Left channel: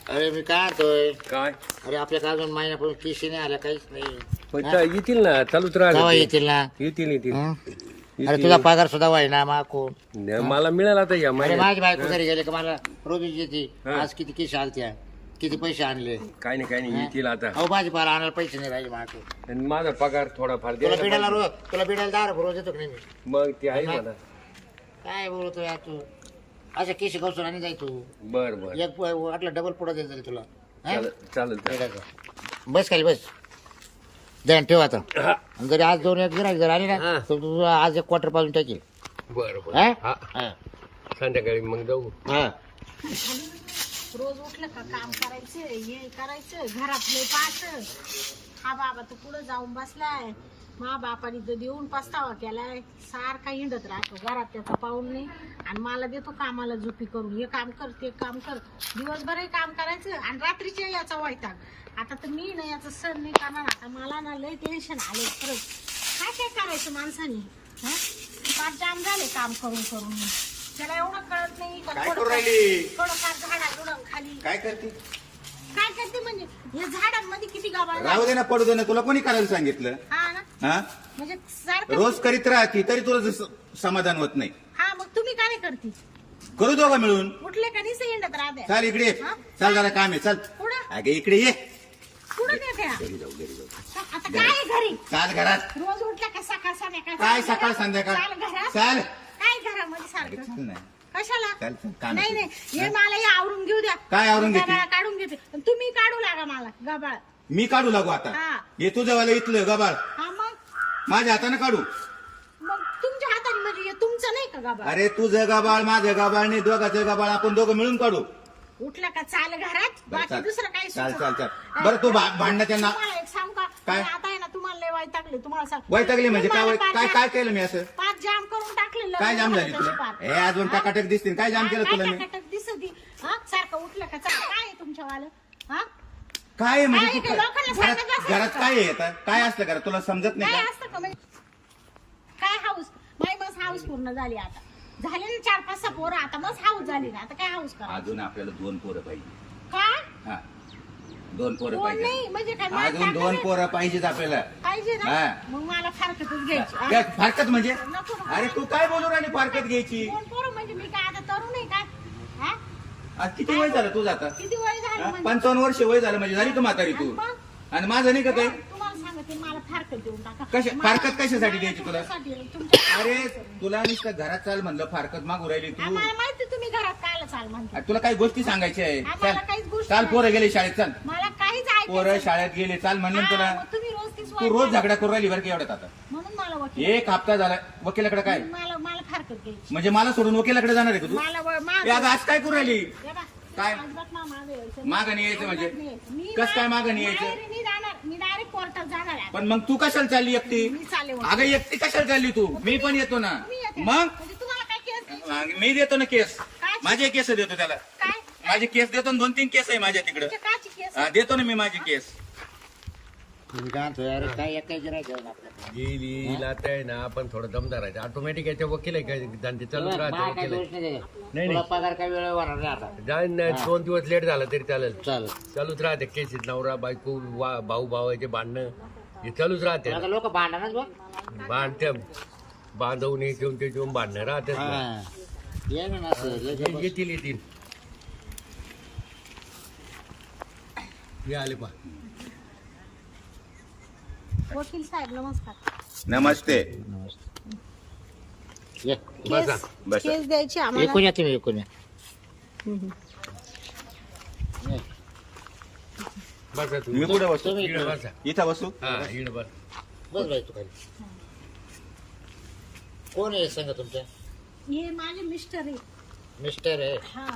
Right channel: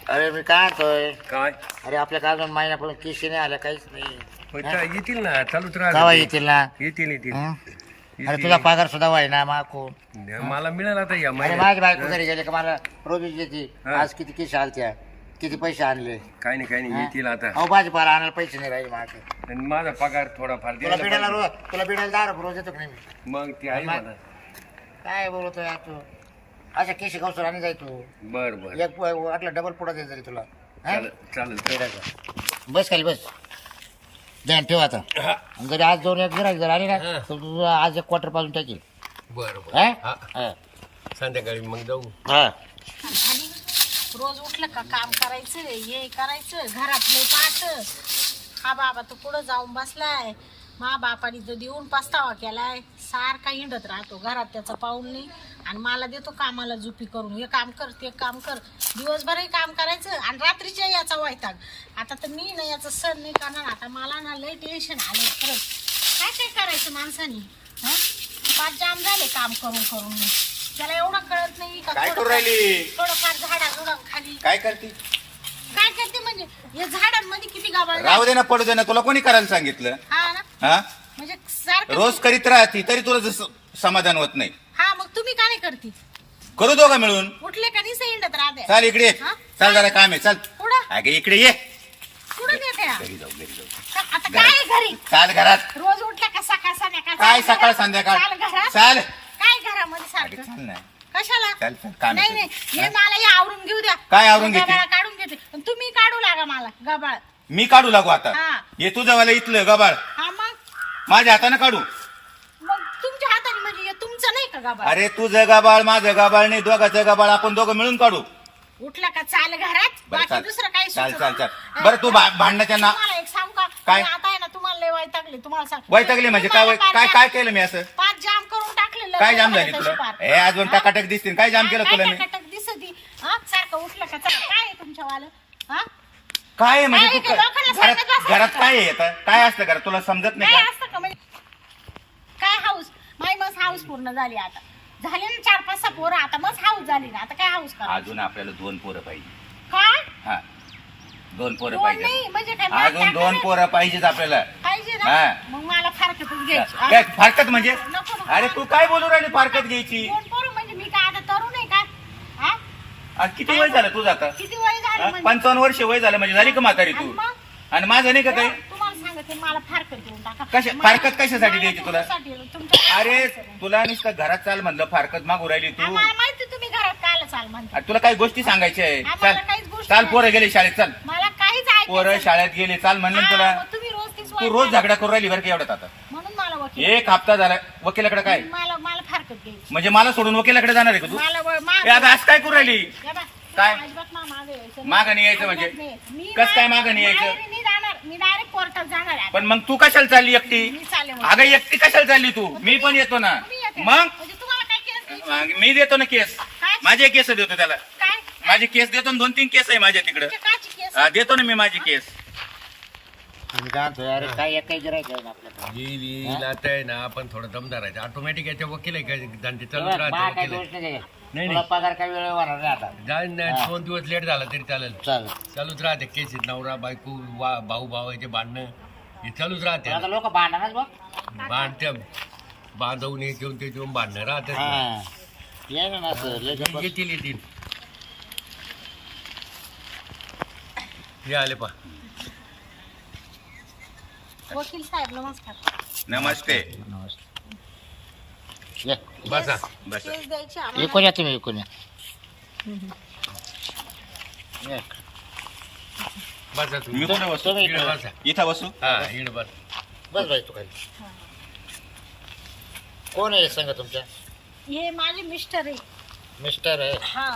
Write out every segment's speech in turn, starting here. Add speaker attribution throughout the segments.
Speaker 1: अरे मी काय आणतोय?
Speaker 2: काय
Speaker 1: अरे आपल्या काय अजून महिन्यापासून केशी नाही आल्या, काहीच नाही.
Speaker 2: मग काय येतील ना, चालूच
Speaker 1: केव्हा
Speaker 2: राहते.
Speaker 1: येतील ना?
Speaker 2: येतील येतील
Speaker 1: हं?
Speaker 2: येतील.
Speaker 1: अरे तुझा पगार सुद्धा व्हाय ना माकून.
Speaker 2: मला मिळाला तर या
Speaker 1: अरे
Speaker 2: महिन्यात.
Speaker 1: माझी बायको घरी गेले का मला रोज येते.
Speaker 2: हा.
Speaker 1: आज किती केशी आलत्या, किती पैसे आणले.
Speaker 2: काय नाही येतील आता.
Speaker 1: अहो भाजीपाला आणायला पैसे नाही राहिले मागे.
Speaker 2: आणि माझा पगार थोडाफार
Speaker 1: तुला
Speaker 2: द्यायला
Speaker 1: बिडायला
Speaker 2: पाहिजे.
Speaker 1: रोज, तुला बिडायला 10 रुपये रोज येतो की नाही मी?
Speaker 2: मग ते आहे
Speaker 1: मग-
Speaker 2: म्हणा.
Speaker 1: काय बोलतो यार तू? अशा केशी गवसून आणि जाय तू.
Speaker 2: बर बर
Speaker 1: एक वाटलं डबल पुढं द्यायचं रे तुला. हा?
Speaker 2: चालेल
Speaker 1: बिडायचं. बस खाली बस. ध्यान ठेव आता. आणि जरी आज 2 एक गिराईक जर आले ना
Speaker 2: हा.
Speaker 1: तर तू आज 1 क्वार्टर पाजून टाकेल.
Speaker 2: बर बर
Speaker 1: हा?
Speaker 2: हा.
Speaker 1: हा.
Speaker 2: संध्याकाळी मग जाऊ.
Speaker 1: हा.
Speaker 3: रोज उठलं का काम करायचं, हे करायचं, घरातले पाहत. हा बाबा तो पुढं जाऊन बसलाय. मा बापाने तर देऊन पस्तावा केलाय. सारखा हिंडत राहतो घरात, त्याचा पाऊल नाही. आणि मला देतो कामाला जुपी करून, हे काम कर ते काम कर. दिवसभरही काम करायचं आणि रात्रीच्या याचा वैताग. आता तर मी ना याचं सण नाही करणार. आता मला ना लय टेन्शन आले खरंच. काय काय करायचं माणसाने? हा, पाच जाम झाले काम करून करून. त्याला एवढं कळत नाही का
Speaker 4: काय करू राहिली?
Speaker 3: थोडंफार झाडा खाली
Speaker 4: काय करते?
Speaker 3: काय करते म्हणजे या झाडांमध्ये किती गाबाळ
Speaker 4: राहू दे ना, पडू दे ना, तुला कोणी करायला सांगितलं?
Speaker 3: हा ना,
Speaker 4: हा,
Speaker 3: म्हणजे सारखं
Speaker 4: रोज करीत राहती तरी तुला जसं समाधान होत नाही.
Speaker 3: हा, मग तुम्ही का नाही करती?
Speaker 4: करू दोघं मिळून.
Speaker 3: उठले का नाही हिंडत राहते.
Speaker 4: चाल इकडे ये.
Speaker 3: हा?
Speaker 4: चाल जरा काम आहे, चल.
Speaker 3: कुठं
Speaker 4: अगे इकडे ये.
Speaker 3: कुठं नेते हा?
Speaker 4: घरी जाऊ, घरी जाऊ.
Speaker 3: आता काय आहे घरी?
Speaker 4: चाल घरात.
Speaker 3: रोज उठल्या का सकाळ संध्याकाळ?
Speaker 4: काय
Speaker 3: चाल
Speaker 4: सकाळ
Speaker 3: घरात?
Speaker 4: संध्याकाळ?
Speaker 3: चाल घरात.
Speaker 4: चाल.
Speaker 3: काय घरामध्ये
Speaker 4: अगे
Speaker 3: सारखं?
Speaker 4: चाल ना.
Speaker 3: कशाला?
Speaker 4: चल चल, काम
Speaker 3: नाही
Speaker 4: आहे
Speaker 3: नाही,
Speaker 4: तुझं.
Speaker 3: हे मला हे आवरून घेऊ द्या.
Speaker 4: काय आवरून घेते?
Speaker 3: गबाळ काढून घेते. पण तुम्ही काढू लागा मला गबाळ.
Speaker 4: मी काढू लागू आता.
Speaker 3: हा.
Speaker 4: ये तुझं वाला इथलं गबाळ
Speaker 3: हा, मग
Speaker 4: माझ्या हाताने काढू.
Speaker 3: मग तुमच्या हाताने म्हणजे हे तुमचं नाही का गबाळ?
Speaker 4: अरे तुझं गबाळ माझं गबाळ नाही, दोघाचं गबाळ आपण दोघं मिळून काढू.
Speaker 3: उठला का चाल घरात,
Speaker 4: बरं,
Speaker 3: बाकी
Speaker 4: चाल.
Speaker 3: दुसरं काही
Speaker 4: चाल,
Speaker 3: सुचत
Speaker 4: चाल,
Speaker 3: नाही.
Speaker 4: चाल. बरं, तू भांडणाच्या ना-
Speaker 3: तुम्हाला एक सांगू का?
Speaker 4: काय?
Speaker 3: मी आता आहे ना, तुम्हाला लय वैतागले. तुम्हाला सांग
Speaker 4: वैतागले म्हणजे काय?
Speaker 3: तुम्हाला
Speaker 4: काय
Speaker 3: पाच
Speaker 4: काय केलं मी असं?
Speaker 3: पाच जाम करून टाकले.
Speaker 4: काय जाम झाली तुला? हे अजून टकाटक दिसतील. काय जाम केलं तुला मी?
Speaker 3: टकाटक दिसती. हा, सारखं उठलं का चला. काय आहे तुमच्यावालं? हा,
Speaker 4: काय आहे म्हणजे
Speaker 3: काय
Speaker 4: तू
Speaker 3: आहे ते लोकांना सांगत
Speaker 4: घरात
Speaker 3: बसायचं
Speaker 4: घरात
Speaker 3: का?
Speaker 4: काय आहे आता? काय असतं घरात तुला समजत नाही
Speaker 3: काय
Speaker 4: का?
Speaker 3: असतं का म्हणजे? काय हाऊस? माय मस हाऊस पूर्ण झाली आता. झाले ना 4-5 पोरं, आता मस हाऊस झाली ना. आता काय हाऊस करा?
Speaker 4: अजून आपल्याला 2 पोरं पाहिजे.
Speaker 3: काय?
Speaker 4: हा, 2 पोरं
Speaker 3: दोन
Speaker 4: पाहिजे.
Speaker 3: नाही म्हणजे काय?
Speaker 4: अजून 2 पोरं पाहिजेत आपल्याला.
Speaker 3: पाहिजे
Speaker 4: हा.
Speaker 3: ना, मग मला फारकतच घ्यायची.
Speaker 4: काय फारकत म्हणजे?
Speaker 3: नको ना.
Speaker 4: अरे तू काय बोलू राहिली फारकत घ्यायची?
Speaker 3: 2 पोरं म्हणजे मी काय आता तरुण आहे का? हा?
Speaker 4: आज किती वय झालं तुझं आता?
Speaker 3: किती वय झालं
Speaker 4: हा?
Speaker 3: म्हणजे?
Speaker 4: 55 वर्ष वय झालं म्हणजे झाली का म्हातारी
Speaker 3: आणि
Speaker 4: तू?
Speaker 3: मग?
Speaker 4: आणि माझं नाही का काही?
Speaker 3: तुम्हाला सांगते, मला फारकत देऊन टाका.
Speaker 4: फारकत कशासाठी
Speaker 3: मला
Speaker 4: द्यायची तुला?
Speaker 3: तुमच्यासाठी, तुमच्या-
Speaker 4: अरे तुला नुसतं घरात चाल म्हणलं फारकत मागू राहिली तू.
Speaker 3: आम्हाला माहिती तुम्ही घरात कायला चाल म्हणता.
Speaker 4: अरे तुला काही गोष्टी सांगायच्या आहे.
Speaker 3: आम्हाला काहीच
Speaker 4: चाल
Speaker 3: गोष्टी
Speaker 4: चाल,
Speaker 3: नाही.
Speaker 4: पोरं गेले शाळेत, चाल.
Speaker 3: मला काहीच ऐकायचं
Speaker 4: पोरं
Speaker 3: नाही.
Speaker 4: शाळेत गेले, चाल म्हणलं ना
Speaker 3: हा,
Speaker 4: तुला.
Speaker 3: मग तुम्ही रोज तीच
Speaker 4: तू रोज झगडा करून राहिली बरं का एवढ्यात आता.
Speaker 3: म्हणून मला वकील
Speaker 4: 1 हप्ता झाला वकिलाकडे काय?
Speaker 3: मला मला फारकत घ्यायची.
Speaker 4: म्हणजे मला सोडून वकिलाकडे जाणार आहे का तू?
Speaker 3: मला
Speaker 4: ए, अगं, आज काय करू राहिली? काय?
Speaker 3: अजिबात मागे यायचं नाही.
Speaker 4: मागं नाही यायचं म्हणजे?
Speaker 3: अजिबात नाही. मी
Speaker 4: कसं काय मागं नाही यायचं?
Speaker 3: माहेरी नाही जाणार. मी डायरेक्ट कोर्टात जाणार आहे.
Speaker 4: पण मग तू कशाला चालली एकटी?
Speaker 3: मी चालले मग.
Speaker 4: अगं एकटी कशाला चालली तू? मी पण येतो ना.
Speaker 3: तुम्ही येते.
Speaker 4: मग
Speaker 3: म्हणजे तुम्हाला काय केस द्यायची?
Speaker 4: मी देतो ना केस.
Speaker 3: काय?
Speaker 4: माझे केस देतो त्याला.
Speaker 3: काय?
Speaker 4: माझे केस देतो ना, 2-3 केस आहे माझ्या तिकडं.
Speaker 3: तुमच्या काची केस?
Speaker 4: देतो ना मी माझे केस.
Speaker 1: मी काय म्हणतोय, अरे काय एक काही गिराईक आहे ना आपल्याकडे.
Speaker 2: येईल आता आहे ना, आपण थोडं दमदार आहे. ऑटोमॅटिक याच्या वकील आहे काय धंदे चालूच
Speaker 1: मला
Speaker 2: राहते
Speaker 1: काय
Speaker 2: वकील
Speaker 1: दोष
Speaker 2: आहे.
Speaker 1: नाही
Speaker 2: नाही,
Speaker 1: त्याच्यात. तुला पगार काय वेळ होणार नाही आता.
Speaker 2: जाईन ना, 2 दिवस लेट झाला तरी चालेल.
Speaker 1: चालेल.
Speaker 2: चालूच राहते केसीत. नवरा बायको भाऊ भावाचे भांडणं हे चालूच राहते.
Speaker 1: आता लोक भांडणच बघ.
Speaker 2: भांडते बांधवून हे घेऊन ते घेऊन भांडणं राहते.
Speaker 1: हा. ये ना असं, लय जबरदस्त.
Speaker 2: येतील येतील. हे आले पा.
Speaker 3: वकील साहेब नमस्कार.
Speaker 4: नमस्ते.
Speaker 1: ये.
Speaker 2: बसा
Speaker 4: बस
Speaker 3: केस द्यायची
Speaker 1: एकूण
Speaker 3: आम्हाला.
Speaker 1: या तुम्ही, एकूण या. ये.
Speaker 2: बसा
Speaker 4: मी
Speaker 2: तुम्ही.
Speaker 4: कुठे बसतो?
Speaker 1: तुम्ही
Speaker 2: इकडे
Speaker 1: इकडं.
Speaker 2: बसा.
Speaker 4: इथं बसू.
Speaker 2: हा इकडे बस.
Speaker 1: बस बाई तू खाली. कोण आहे सांगा तुमच्या?
Speaker 3: हे माझे मिस्टर आहे.
Speaker 1: मिस्टर आहे.
Speaker 3: हा,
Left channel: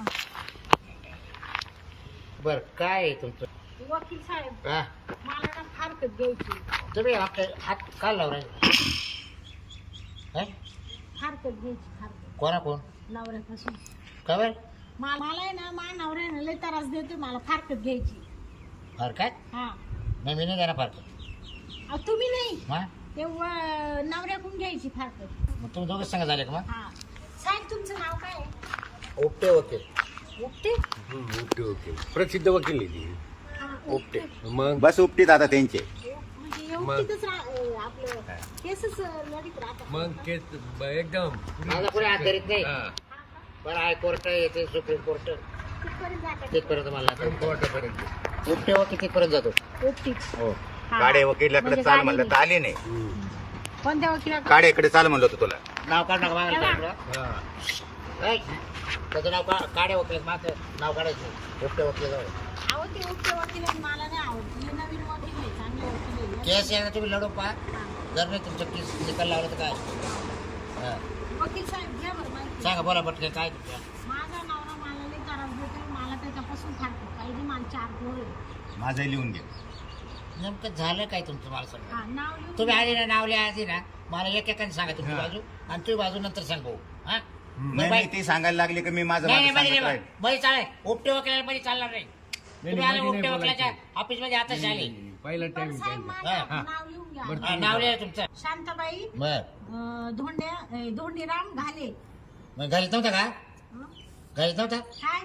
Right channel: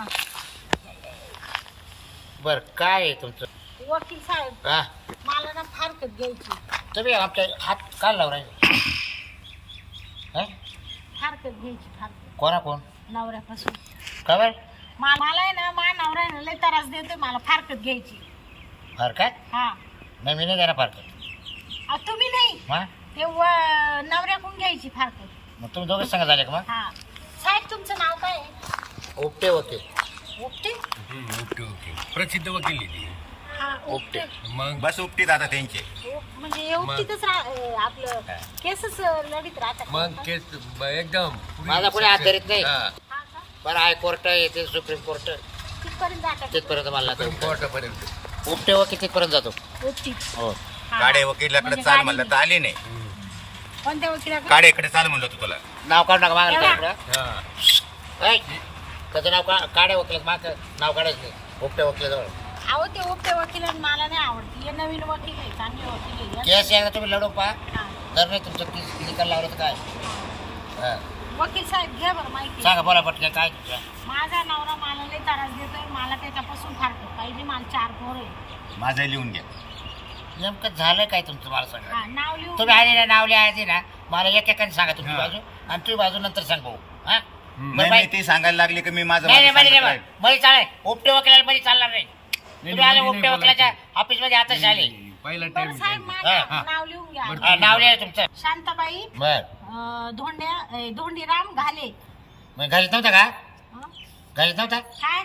Speaker 1: बर काय आहे तुमचं?
Speaker 3: वकील साहेब
Speaker 1: हा,
Speaker 3: मला ना फारकत घ्यायची.
Speaker 1: तुम्ही आमच्या हात काल लावून राहिले. हा?
Speaker 3: फारकत घ्यायची. फारकत
Speaker 1: कोणा कोण?
Speaker 3: नवऱ्यापासून.
Speaker 1: का बर?
Speaker 3: मला आहे ना, मा नवरा आहे ना, लय त्रास देतोय. मला फारकत घ्यायची.
Speaker 1: फार काय?
Speaker 3: हा.
Speaker 1: नाही मी नाही देणार फार काय.
Speaker 3: अहो, तुम्ही नाही,
Speaker 1: हा,
Speaker 3: ते नवऱ्याकडून घ्यायची फारकत.
Speaker 1: मग तुम्ही दोघं सांगा झाले का मग?
Speaker 3: हा. साहेब तुमचं नाव काय आहे?
Speaker 1: उपटे वकील.
Speaker 3: उपटे
Speaker 2: उपटे वकील प्रसिद्ध वकील आहे ती.
Speaker 3: हा उपटे
Speaker 2: मग
Speaker 4: बस उपटीत आता त्यांचे
Speaker 3: म्हणजे हे उपटीतच आपलं केसच लढीत राहतात
Speaker 2: मग केस एकदम
Speaker 1: माझा कोणी हात धरीत नाही.
Speaker 2: हा.
Speaker 3: हा का?
Speaker 1: बरं हायकोर्ट येते सुप्रीम कोर्ट
Speaker 3: तिथपर्यंत जातात
Speaker 1: तिथपर्यंत मला
Speaker 2: सुप्रीम कोर्टापर्यंत
Speaker 1: उपटे वकील तिथपर्यंत जातो.
Speaker 3: उपटीत
Speaker 1: हो
Speaker 3: हा.
Speaker 4: काडे वकिलाकडे
Speaker 3: म्हणजे
Speaker 4: चाल
Speaker 3: गाडी
Speaker 4: म्हणलं तर आली नाही.
Speaker 3: कोणत्या वकिलाकडे
Speaker 4: काडेकडे चाल म्हणलं होतं तुला.
Speaker 1: नाव काढू नका मागायला
Speaker 3: एवढा?
Speaker 2: हा.
Speaker 1: त्याचं नाव काढे वकील माझं नाव काढायचं नाही. उपटे वकिलाजवळ
Speaker 3: अहो ते उपटे वकील आणि मला नाही आवडते हे नवीन वकील आहे चांगले वकील आहे
Speaker 1: केस एकदा तुम्ही लढून पहा.
Speaker 3: हा.
Speaker 1: जर नाही तुमचं केस निकाल लावला तर काय हा.
Speaker 3: वकील साहेब घ्या बरं माहिती
Speaker 1: सांगा बोला पटकन काय तुमचं.
Speaker 3: माझा नवरा मला लय त्रास देतोय मला त्याच्यापासून फारकत पाहिजे मला 4 पोर आहे
Speaker 4: माझं लिहून घ्या.
Speaker 1: नेमकं झालं काय तुमचं मला सांगा.
Speaker 3: हा नाव लिहून
Speaker 1: तुम्ही आले ना नावले आधी ना मला एकेकाने सांगा तुमची
Speaker 4: हा.
Speaker 1: बाजू आणि तुझी बाजू नंतर सांग भाऊ. हा
Speaker 4: नाही नाही, ते सांगायला लागले की मी माझं
Speaker 1: नाही नाही
Speaker 4: माझं
Speaker 1: मध्ये
Speaker 4: सांगत राहील.
Speaker 1: मध्ये चालेल. उपटे वकिलाला मध्ये चालणार नाही. तुम्ही आले
Speaker 2: मध्ये
Speaker 1: उपटे
Speaker 2: नाही
Speaker 1: वकिलाच्या ऑफिस मध्ये आताच आले.
Speaker 2: पहिला
Speaker 3: बरं
Speaker 2: टाइम
Speaker 3: साहेब
Speaker 1: हा,
Speaker 3: माझं नाव लिहून घ्या
Speaker 2: बरं.
Speaker 1: हा, नाव लिहा तुमचं.
Speaker 3: शांताबाई
Speaker 1: बर
Speaker 3: धोंडीराम घाले
Speaker 1: मग घरीच नव्हता का
Speaker 3: हं?
Speaker 1: घरीच नव्हता.
Speaker 3: काय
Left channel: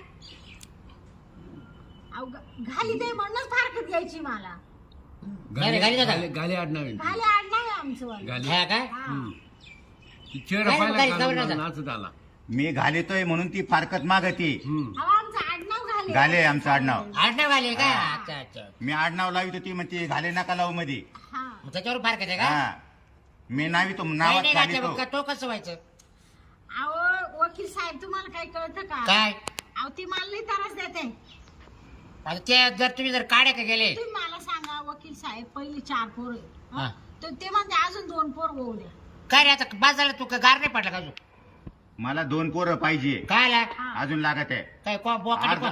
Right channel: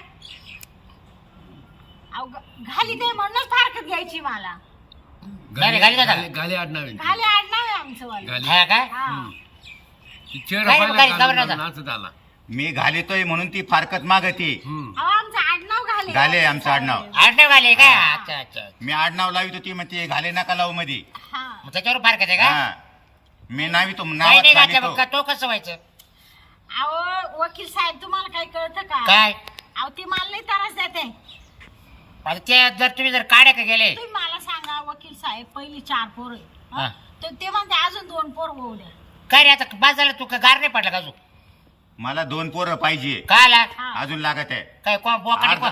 Speaker 3: अहो, घाली ते म्हणूनच फारकत घ्यायची मला
Speaker 1: नाही, घाली जाता.
Speaker 2: गाली आडनाव आहे.
Speaker 3: घाले आडनाव आहे आमचं वालं
Speaker 2: गाली
Speaker 1: हा का
Speaker 3: हा
Speaker 2: ती चेहरा
Speaker 1: काय
Speaker 2: पाहिला
Speaker 1: गाली,
Speaker 2: का?
Speaker 1: खबर नव्हता.
Speaker 2: नाचत आला.
Speaker 4: मी घालितोय म्हणून ती फारकत मागती.
Speaker 3: अहो आमचं आडनाव घाले
Speaker 4: घाले आमचं आडनाव.
Speaker 1: आडनाव घाले का अच्छा अच्छा
Speaker 4: मी आडनाव लावित होती म्हणते घाले नका लावू मध्ये.
Speaker 3: हा
Speaker 1: मग त्याच्यावर फार आहे का
Speaker 4: हा मी नावितो
Speaker 1: काही
Speaker 4: नावात
Speaker 1: नाही
Speaker 4: घालितो.
Speaker 1: घातलं मग तो कसं व्हायचं
Speaker 3: अहो वकील साहेब तुम्हाला काही कळतं का
Speaker 1: काय
Speaker 3: अहो ती मला लई त्रास देते
Speaker 1: आता ते जर तुम्ही जर काढे का गेले
Speaker 3: तुम्ही मला सांगा वकील साहेब पहिली 4 पोर
Speaker 1: हा.
Speaker 3: आहे तर ते म्हणते अजून 2 पोर होऊ द्या
Speaker 1: काय रे आता बाज झाला तू का गार नाही पडला का अजून
Speaker 4: मला 2 पोरं पाहिजे.
Speaker 1: काय आला
Speaker 3: हा.
Speaker 4: अजून लागत आहे.
Speaker 1: काय
Speaker 4: अर्धा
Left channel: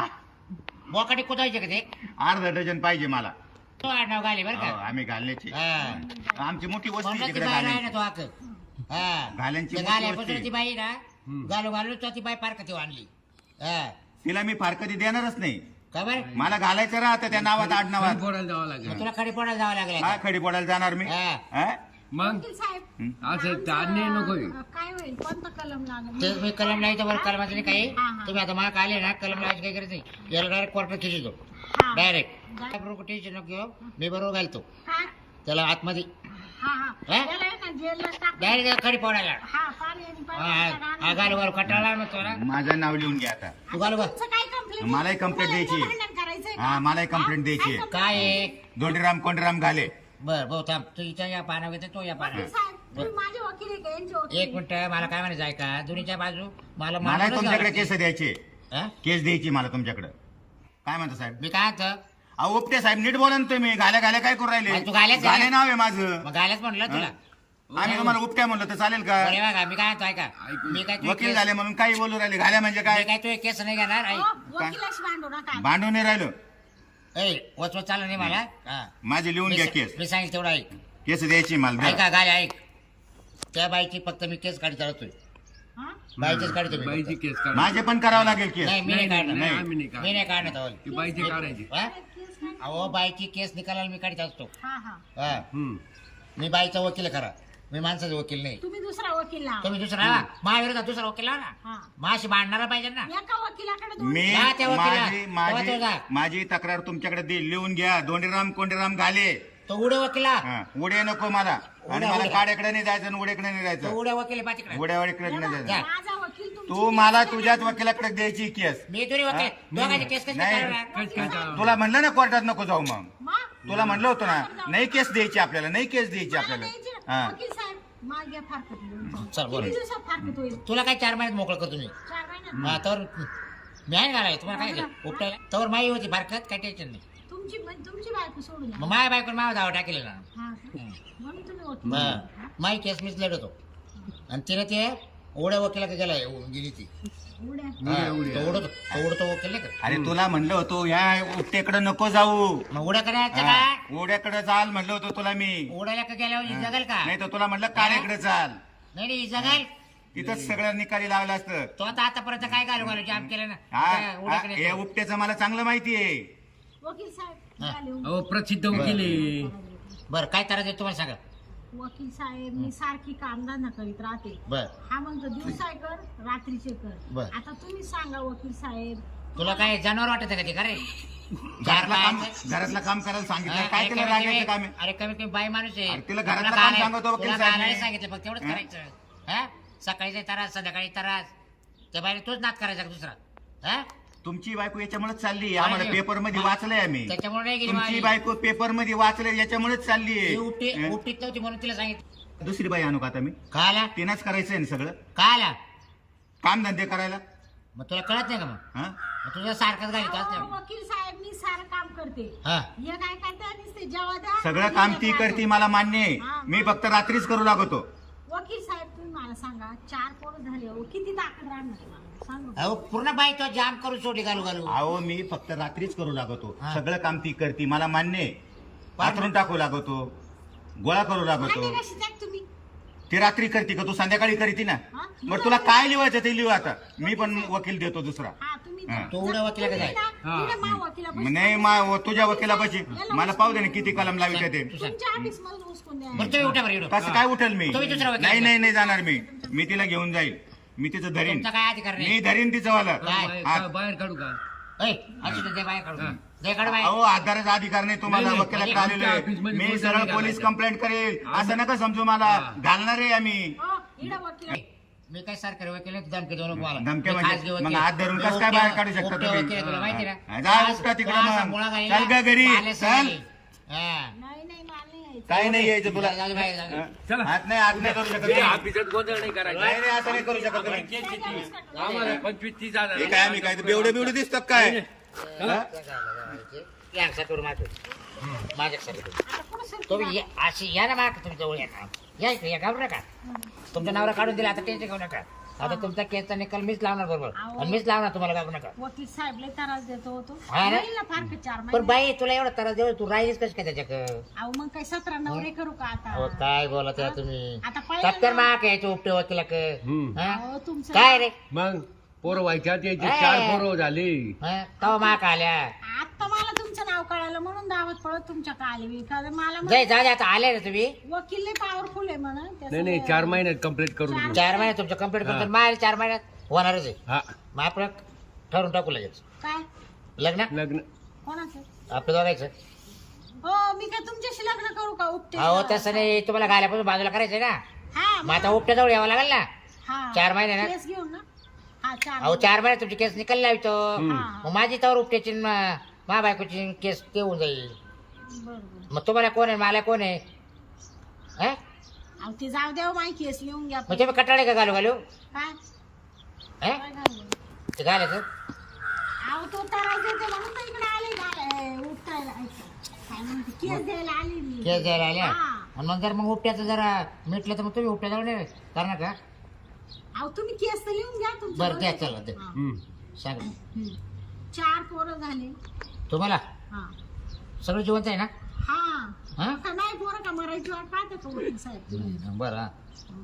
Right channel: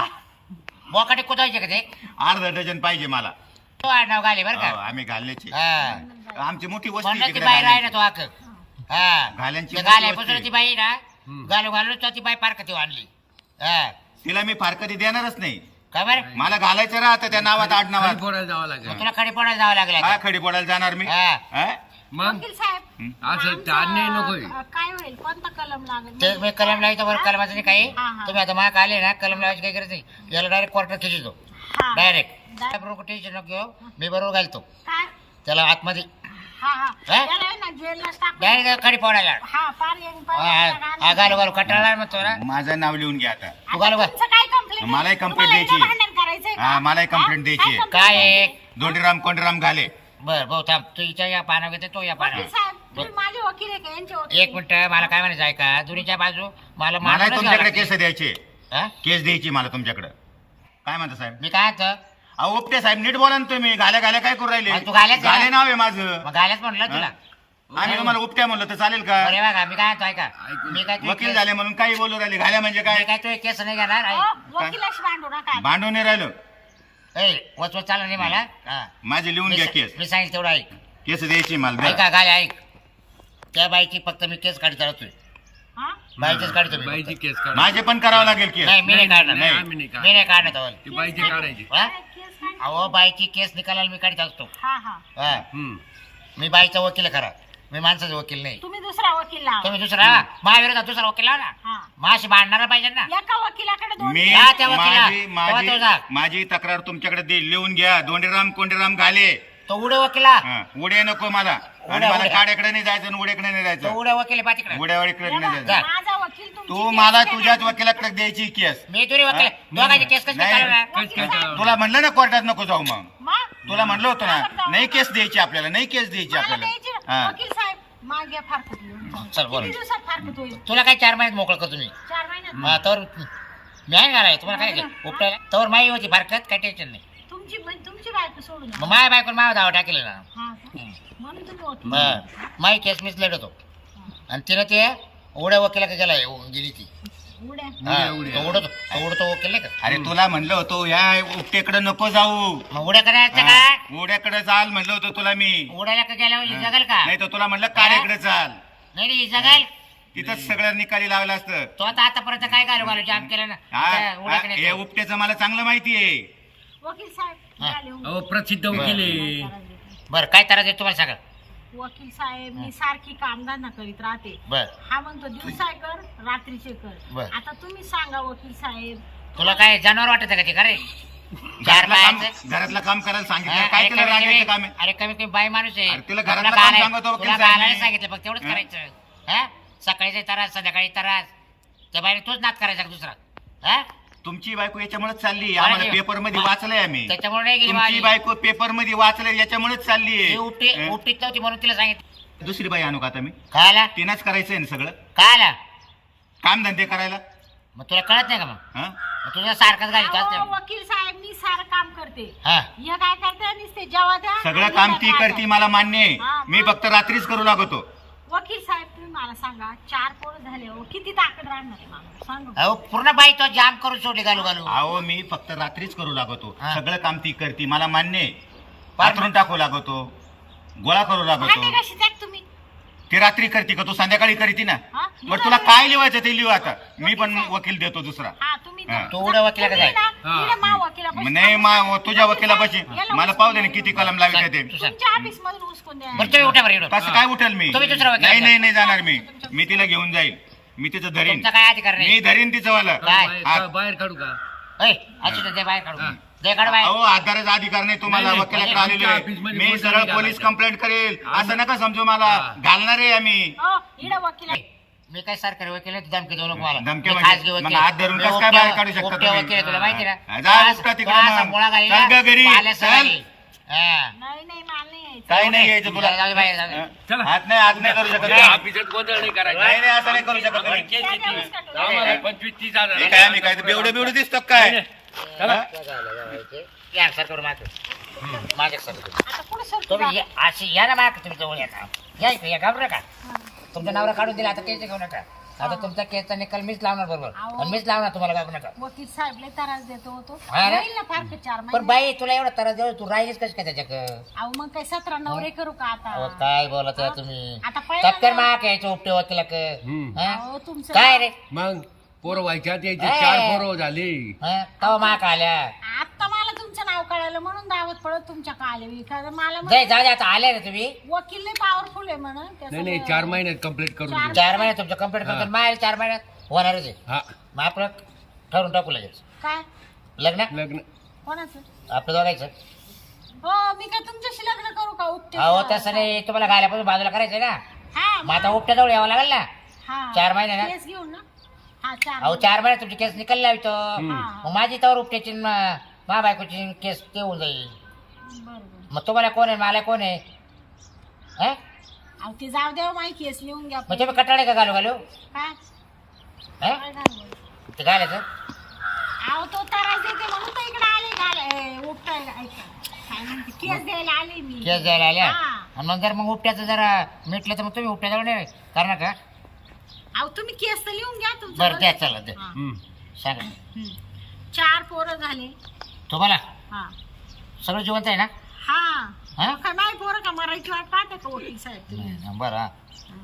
Speaker 1: बोकाटे कुदायचे का ते
Speaker 4: अर्धा डझन पाहिजे मला.
Speaker 1: तो आडनाव घाले बरं
Speaker 4: हो,
Speaker 1: का
Speaker 4: आम्ही घालण्याची
Speaker 1: हा
Speaker 4: आमची मोठी वस्ती
Speaker 1: म्हणलं ती
Speaker 4: तिकडे
Speaker 1: बाई राही ना
Speaker 4: घालण्याची.
Speaker 1: तो आक हा
Speaker 4: घाल्यांची
Speaker 1: ते
Speaker 4: मोठी
Speaker 1: घाल्यापासून
Speaker 4: वस्ती.
Speaker 1: ती बाई ना घालू घालू तो ती बाई पार कधी आणली हा
Speaker 4: तिला मी फारकती देणारच नाही.
Speaker 1: काय बरं
Speaker 4: मला घालायचं राहतं त्या नावात
Speaker 2: खाली
Speaker 4: आडनावात.
Speaker 2: फोडायला जावं
Speaker 1: मग
Speaker 2: लागेल.
Speaker 1: तुला खडी पडायला जावं लागलं
Speaker 4: काय
Speaker 1: आता.
Speaker 4: खडी पडायला जाणार मी.
Speaker 1: हा.
Speaker 4: हा?
Speaker 2: मग
Speaker 3: वकील साहेब
Speaker 2: असं
Speaker 3: आमचं,
Speaker 2: अन्याय नकोय.
Speaker 3: काय होईल कोणता कलम लागेल
Speaker 1: ते मी कलम लावायचं बरं कलमाचं नाही काही
Speaker 3: हा, हा.
Speaker 1: तुम्ही आता मला आले ना कलम लावायची काही गरज नाही याला डायरेक्ट क्वार्टर खिचितो
Speaker 3: हा.
Speaker 1: डायरेक्ट बरोबर टेन्शन नको घेऊ. मी बरोबर घालतो
Speaker 3: काय
Speaker 1: त्याला आतमध्ये
Speaker 3: हा हा
Speaker 1: हा?
Speaker 3: याला आहे ना जेलला टाक
Speaker 1: डायरेक्ट खडी पडायला
Speaker 3: हा पाणी आणि
Speaker 1: हा घालू घालू कटाळा मग तो ना
Speaker 4: माझं नाव लिहून घ्या आता.
Speaker 1: तू घालू घाल
Speaker 3: तुमचं काय कंप्लेंट
Speaker 4: मलाही complaint द्यायची.
Speaker 3: भांडण करायचंय का?
Speaker 4: हा, मलाही complaint
Speaker 3: हा?
Speaker 4: द्यायची.
Speaker 3: complaint
Speaker 1: काय आहे?
Speaker 3: द्यायची?
Speaker 4: दोंडीराम कोंडीराम घाले.
Speaker 1: बर भाऊ थांब तू हिच्या या पानावर घेते तो या
Speaker 3: वकील
Speaker 1: पानावर
Speaker 3: साहेब तुम्ही माझे वकील आहे का यांचे वकील
Speaker 1: एक मिनिट मला काय म्हणायचं आहे का दोन्हीच्या बाजू मला
Speaker 4: मला
Speaker 1: मारूनच
Speaker 4: तुमच्याकडे
Speaker 1: घ्यावं
Speaker 4: केस द्यायचे.
Speaker 1: हा?
Speaker 4: केस द्यायची मला तुमच्याकडे. काय म्हणता साहेब.
Speaker 1: मी काय म्हणतो
Speaker 4: अहो उपटे साहेब नीट बोला ना तुम्ही. घाल्या घाल्या काय करू राहिले.
Speaker 1: मग तू घाल्याच आहे
Speaker 4: घाले
Speaker 1: ना?
Speaker 4: नाव आहे माझं.
Speaker 1: मग घालायच म्हणलं तुला
Speaker 4: आम्ही तुम्हाला उपट्या म्हणलं तर चालेल का.
Speaker 1: बरे बघा मी काय म्हणतो ऐका मी काय तुझे
Speaker 4: वकील
Speaker 1: केस-
Speaker 4: झाले म्हणून काही बोलू राहिले. घाल्या म्हणजे
Speaker 1: मी
Speaker 4: काय.
Speaker 1: काय तुझे केस नाही घेणार
Speaker 3: हो,
Speaker 1: ऐक
Speaker 3: वकिलाशी भांडू नका
Speaker 4: भांडून नाही राहिलो.
Speaker 1: ए वचवत चाललं नाही मला हा.
Speaker 4: माझे लिहून घ्या केस.
Speaker 1: मी सांगितलं तेवढं ऐक
Speaker 4: केस द्यायची मला द्या.
Speaker 1: ऐका गाले ऐक त्या बाईची फक्त मी केस काढी चालतोय
Speaker 3: हा
Speaker 1: बाईचीच काढतो मी
Speaker 2: बाईची
Speaker 1: फक्त.
Speaker 2: केस काढ.
Speaker 4: माझे पण करावं लागेल केस.
Speaker 1: नाही मी नाही काढणार
Speaker 2: नाही,
Speaker 1: नाही.
Speaker 2: आम्ही नाही
Speaker 1: मी
Speaker 2: काढणार.
Speaker 1: नाही काढणार तवल.
Speaker 2: ती बाईची काढायची.
Speaker 1: हा?
Speaker 3: काय केस काय
Speaker 1: अहो बाईची केस निकालाला मी काढीत असतो
Speaker 3: हा हा
Speaker 1: हा
Speaker 2: हम्म.
Speaker 1: मी बाईचा वकील आहे खरा मी माणसाचा वकील नाही
Speaker 3: तुम्ही दुसरा वकील लावा
Speaker 1: तुम्ही दुसरा महाविरोधात दुसरा वकील लावा ना
Speaker 3: हा
Speaker 1: माशी भांडणारा पाहिजे ना
Speaker 3: एका वकिलाकडे 2
Speaker 4: मी
Speaker 1: जा त्या वकिला.
Speaker 4: माझी
Speaker 1: तेव्हा तो जा.
Speaker 4: माझी माझी तक्रार तुमच्याकडे लिहून घ्या. दोंडीराम कोंडीराम घाले.
Speaker 1: तो उडे वकिला
Speaker 4: हा, उडे नको मला. आणि
Speaker 1: उड्या,
Speaker 4: मला
Speaker 1: उड्या.
Speaker 4: काड्याकडे नाही जायचं आणि उड्याकडे नाही
Speaker 1: तो
Speaker 4: जायचं.
Speaker 1: उडे वकील आहे पातिकडे
Speaker 4: उड्यावाडीकडे नाही
Speaker 3: बघा,
Speaker 4: जायचं.
Speaker 3: माझा वकील तुमची
Speaker 4: तू
Speaker 3: केस
Speaker 4: मला
Speaker 3: घेणार.
Speaker 4: तुझ्याच वकिलाकडे द्यायची केस.
Speaker 1: मी तुरी वकील आहे. दोघांची केस कशी
Speaker 4: नाही.
Speaker 1: चालवणार
Speaker 2: केस काय चालवणार?
Speaker 4: तुला म्हणलं ना कोर्टात नको जाऊ मग.
Speaker 3: मग?
Speaker 4: तुला म्हणलं होतं
Speaker 3: का बरं
Speaker 4: ना
Speaker 3: जाऊ
Speaker 4: नाही
Speaker 3: नका?
Speaker 4: केस द्यायची आपल्याला. नाही केस द्यायची
Speaker 3: मला
Speaker 4: आपल्याला.
Speaker 3: द्यायची ना.
Speaker 4: हा.
Speaker 3: वकील साहेब मागे फारकत लिहून.
Speaker 1: चल, बोला.
Speaker 3: किती दिवसात फारकत होईल
Speaker 1: तुला काय 4 महिन्यात मोकळं करतो मी
Speaker 3: 4 महिन्यात
Speaker 1: हा, तर मी आहे घालाय तुम्हाला काय उपटायला तर माई होती फारकत काय टेन्शन नाही
Speaker 3: तुमची बायको सोडून
Speaker 1: मग माय बायकोन माव दावा टाकेल ना
Speaker 3: हा का? म्हणून तुम्ही वकील
Speaker 1: बर माई केस मीच लढवतो आणि तिनं ते उड्या वकिला का गेला गेली ती
Speaker 3: उड्या
Speaker 1: हा,
Speaker 2: उड्या.
Speaker 1: तो उडतो वकील नाही का
Speaker 4: अरे तुला म्हणलं होतं या उपटेकडे नको जाऊ.
Speaker 1: मग उड्या करायचं
Speaker 4: हा,
Speaker 1: का
Speaker 4: उड्याकडे चाल म्हणलं होतं तुला मी.
Speaker 1: उडायला का गेल्यावर ही जगल का
Speaker 4: नाही तर तुला म्हणलं काड्याकडे चाल.
Speaker 1: नाही नाही ही जगल
Speaker 4: तिथंच सगळं निकाली लावलं असतं.
Speaker 1: तो आता आतापर्यंत काय घालू जाम केलं ना त्या उड्याकडे
Speaker 4: हे
Speaker 1: येतो.
Speaker 4: उपट्याचं मला चांगलं माहिती आहे.
Speaker 3: वकील साहेब
Speaker 1: हा.
Speaker 3: द्या लिहून.
Speaker 2: अहो प्रसिद्ध वकील आहे.
Speaker 1: बरं काय त्रास आहे तुम्हाला सांगा
Speaker 3: वकील साहेब मी सारखी कामधंदा करीत राहते.
Speaker 1: बर
Speaker 3: हा म्हणतो दिवसा कर रात्रीचे कर.
Speaker 1: बर.
Speaker 3: आता तुम्ही सांगा वकील साहेब.
Speaker 1: तुला काय जनावर वाटत का ते का रे? चार बायाचं
Speaker 4: घरातलं काम करायला सांगितलं
Speaker 1: हा,
Speaker 4: काय
Speaker 1: अरे
Speaker 4: केलं
Speaker 1: कमीत
Speaker 4: रागायचं काम
Speaker 1: कमी-
Speaker 4: आहे
Speaker 1: अरे कमीत कमी बाई माणूस आहे.
Speaker 4: अरे तुला
Speaker 1: तुला
Speaker 4: घरातलं
Speaker 1: गालाय-
Speaker 4: काम सांगतो वकील
Speaker 1: तुला
Speaker 4: साहेब
Speaker 1: गालायला
Speaker 4: मी.
Speaker 1: सांगितलं फक्त तेवढंच
Speaker 4: हा?
Speaker 1: करायचं. हा सकाळी त्रास संध्याकाळी त्रास त्या बाईने तोच नाद करायचा का दुसरा? हा
Speaker 4: तुमची बायको याच्यामुळेच चालली आम्हाला
Speaker 1: अरे,
Speaker 4: पेपर मध्ये वाचलंय आम्ही.
Speaker 1: त्याच्यामुळे नाही गेली
Speaker 4: तुमची
Speaker 1: माझी.
Speaker 4: बायको पेपर मध्ये वाचलंय याच्यामुळेच चालली
Speaker 1: ती उपटी
Speaker 4: आहे
Speaker 1: उपटीत नव्हती म्हणून तिला सांगितलं.
Speaker 4: दुसरी बाई आणू का आता मी?
Speaker 1: काय आला
Speaker 4: तिनंच करायचंय ना सगळं
Speaker 1: काय आला
Speaker 4: काम धंदे करायला.
Speaker 1: मग तुला कळत नाही का मग?
Speaker 4: हा
Speaker 1: मग तुझ्या सारखाच घालीत
Speaker 3: अहो,
Speaker 1: असते.
Speaker 3: वकील साहेब मी सारं काम करते.
Speaker 1: हा
Speaker 3: हे काय करते नुसते जेव्हा द्या
Speaker 4: सगळं
Speaker 3: आणि
Speaker 4: काम
Speaker 3: हिला
Speaker 4: ती
Speaker 3: काय
Speaker 4: करते
Speaker 3: द्या.
Speaker 4: मला मान्य आहे.
Speaker 3: हा,
Speaker 4: मी
Speaker 3: मग?
Speaker 4: फक्त रात्रीच करू लागतो.
Speaker 3: वकील साहेब तुम्ही मला सांगा 4 पोरं झाले हो किती ताकद राहणार आहे मला सांगा.
Speaker 1: अहो पूर्ण बाई तो जाम करून सोडली घालू घालू.
Speaker 4: अहो मी फक्त रात्रीच करू लागतो.
Speaker 1: हा.
Speaker 4: सगळं काम ती करते मला मान्य आहे. पाथरून टाकू लागतो गोळा करू लागतो.
Speaker 3: भांडे कशी जात तुम्ही?
Speaker 4: ती रात्री करते का तू संध्याकाळी करते ना?
Speaker 3: हा?
Speaker 4: बरं तुला काय लिहायचं ते लिहू आता. मी पण वकील देतो दुसरा.
Speaker 3: हा तुम्ही
Speaker 4: हा.
Speaker 1: तू उड्या वकिलाकडे जाय.
Speaker 4: नाही तुझ्या वकिलापाशी मला पाहू दे ना किती कलम लावित ते.
Speaker 1: तू सांग.
Speaker 3: तुमच्या ऑफिस मधून उचकून द्या.
Speaker 1: बरं तुम्ही उठा बरं इकडं.
Speaker 4: कसं काय उठेल मी?
Speaker 1: तुम्ही दुसरा वकील
Speaker 4: नाही
Speaker 1: घ्या.
Speaker 4: नाही नाही जाणार मी तिला घेऊन जाईल. मी तिचं धरीन.
Speaker 1: तुमचा काय अधिकार
Speaker 4: मी
Speaker 1: नाही.
Speaker 4: धरीन तिचं वाला.
Speaker 1: काय?
Speaker 2: बाहेर काढू का?
Speaker 1: ऐ, असू दे, दे बाहेर काढू
Speaker 2: हा.
Speaker 1: दे काढ बाहेर.
Speaker 4: अहो आधाराचा अधिकार नाही तुम्हाला.
Speaker 2: नाही,
Speaker 4: वकिलाकडे
Speaker 1: म्हणजे
Speaker 4: आलेलो
Speaker 2: आमच्या
Speaker 4: आहे.
Speaker 2: ऑफिसमध्ये
Speaker 4: मी
Speaker 2: कोणी
Speaker 4: सरळ
Speaker 2: नाही
Speaker 4: पोलीस
Speaker 2: घालायचं.
Speaker 4: कंप्लेंट करेल असं नका समजू मला.
Speaker 2: हा.
Speaker 4: घालणार आहे आम्ही.
Speaker 3: हो, इकडं वकील आहे.
Speaker 1: मी काय सरकारी वकील आहे, तू धमकी देऊ नको मला.
Speaker 4: धमक्या
Speaker 1: मी
Speaker 4: म्हणजे?
Speaker 1: खाजगी वकील
Speaker 4: मग
Speaker 1: आहे.
Speaker 4: हात धरून
Speaker 1: मी
Speaker 4: कसं काय
Speaker 1: उपट्या-
Speaker 4: बाहेर काढू शकता
Speaker 1: उपट्या
Speaker 4: तुम्ही?
Speaker 1: वकील आहे, तुला माहिती ना?
Speaker 4: हा, जा
Speaker 1: तो
Speaker 4: उपटा
Speaker 1: असा-
Speaker 4: तिकडं
Speaker 1: तो असा
Speaker 4: मग.
Speaker 1: मुळा घालीला,
Speaker 4: चल ग घरी.
Speaker 1: पाल्या
Speaker 4: चल.
Speaker 1: सवारी. हा.
Speaker 3: नाही नाही मला नाही यायचं.
Speaker 4: काही नाही यायचं तुला.
Speaker 1: जाऊ दे बाहेर, जाऊ दे.
Speaker 4: हा?
Speaker 2: चला.
Speaker 4: हात नाही करू शकत
Speaker 2: या
Speaker 4: तुम्ही.
Speaker 2: ऑफिसात गोंधळ नाही करायचा.
Speaker 4: नाही नाही असं नाही करू शकत तुम्ही.
Speaker 2: केस किती?
Speaker 3: त्याच्यावरच काढून
Speaker 2: आम्हाला 25-30 हजार.
Speaker 4: हे काय आम्ही काय बेवढे बेवढे दिसतो काय?
Speaker 2: चला.
Speaker 4: हा?
Speaker 1: या सर करू माझं. माझ्या सर करू.
Speaker 3: आता पुढे सरकू
Speaker 1: तुम्ही
Speaker 3: जा.
Speaker 1: या- अशी या ना माझ्या तुम्ही जवळ या ना. या इकडे या, घाबरू नका. तुमच्या नवरा काढून दिला आता टेन्शन घेऊ नका. आता तुमचा केसचा निकाल मीच लावणार बरोबर.
Speaker 3: अहो.
Speaker 1: आणि मीच लावणार, तुम्हाला घाबरू नका.
Speaker 3: वकील साहेब लय त्रास देतो होतो.
Speaker 1: हा रे?
Speaker 3: येईल ना फार का 4
Speaker 1: पण
Speaker 3: महिने.
Speaker 1: बाई तुला एवढा त्रास देऊ तू राहिलीस कशी काय त्याच्याकडं?
Speaker 3: अहो मग काय 17 नवरे करू का
Speaker 1: अहो,
Speaker 3: आता?
Speaker 1: काय बोलत आहे तुम्ही?
Speaker 3: आता पहिलं
Speaker 1: टक्कर
Speaker 3: ना-
Speaker 1: माग यायचं उपटे वकिलाक.
Speaker 2: हम्म.
Speaker 3: अहो तुमचं
Speaker 1: काय रे?
Speaker 2: मग पोरं व्हायच्यात यायचे
Speaker 1: ए.
Speaker 2: 4 पोरं झाले.
Speaker 1: तवा माग आल्या.
Speaker 3: आता मला तुमचं नाव कळालं म्हणून दावत पडत तुमच्या आले मी. कारण मला
Speaker 1: जाय जाऊ दे, आता आले रे तुम्ही.
Speaker 3: वकील लय पॉवरफुल आहे म्हणून.
Speaker 2: नाही नाही 4 महिन्यात कम्प्लीट करून देऊ.
Speaker 1: 4 महिन्यात तुमचं कम्प्लीट करतो. मायल 4 महिन्यात होणारच आहे.
Speaker 2: हा
Speaker 1: मग आपलं ठरवून टाकू लगेच
Speaker 3: काय
Speaker 1: लग्न
Speaker 2: लग्न.
Speaker 3: कोणाचं?
Speaker 1: आपलं दोघायचं.
Speaker 3: हो मी काय तुमच्याशी लग्न करू का उपटे?
Speaker 1: अहो तसं नाही, तुम्हाला गाल्यापासून बाजूला करायचंय ना.
Speaker 3: हा
Speaker 1: मग आता उपट्या जवळ यावं लागेल ना.
Speaker 3: हा
Speaker 1: 4 महिने ना.
Speaker 3: केस घेऊन ना. हा 4
Speaker 1: अहो 4 महिन्यात तुमची केस निकाल लावतो.
Speaker 3: हा.
Speaker 1: मग माझी तवर उपट्याची मा बायकोची केस ते होऊन जाईल.
Speaker 3: बरोबर.
Speaker 1: मग तुम्हाला कोण आहे, मला कोण आहे? हं?
Speaker 3: अहो ते जाऊ द्या माही केस लिहून घ्या.
Speaker 1: मग तुम्ही कटाळे का घालू घालू?
Speaker 3: काय
Speaker 1: हं?
Speaker 3: काय घालू?
Speaker 1: ते घालायचं.
Speaker 3: अहो तो त्रास देते म्हणून तर इकडे आले उपटायला. ऐका काय म्हणते केस द्यायला आले मी.
Speaker 1: केस द्यायला आल्या.
Speaker 3: हा.
Speaker 1: आणि मग जर मग उपट्याचं जरा मिटलं तर मग तुम्ही उपट्या जवळ नाही करणार का?
Speaker 3: अहो तुम्ही केस तर लिहून घ्या तुमचं.
Speaker 1: बरं द्या, चला द्या.
Speaker 3: हा.
Speaker 2: हम्म.
Speaker 1: सांगा
Speaker 3: 4 पोरं झाले.
Speaker 1: तुम्हाला
Speaker 3: हा
Speaker 1: सगळं जिवंत आहे ना?
Speaker 3: हा
Speaker 1: हा?
Speaker 3: मग काय माही पोरं का मराठी वाट पाहते का वकील साहेब तुम्ही?
Speaker 1: नाही, बरं हा.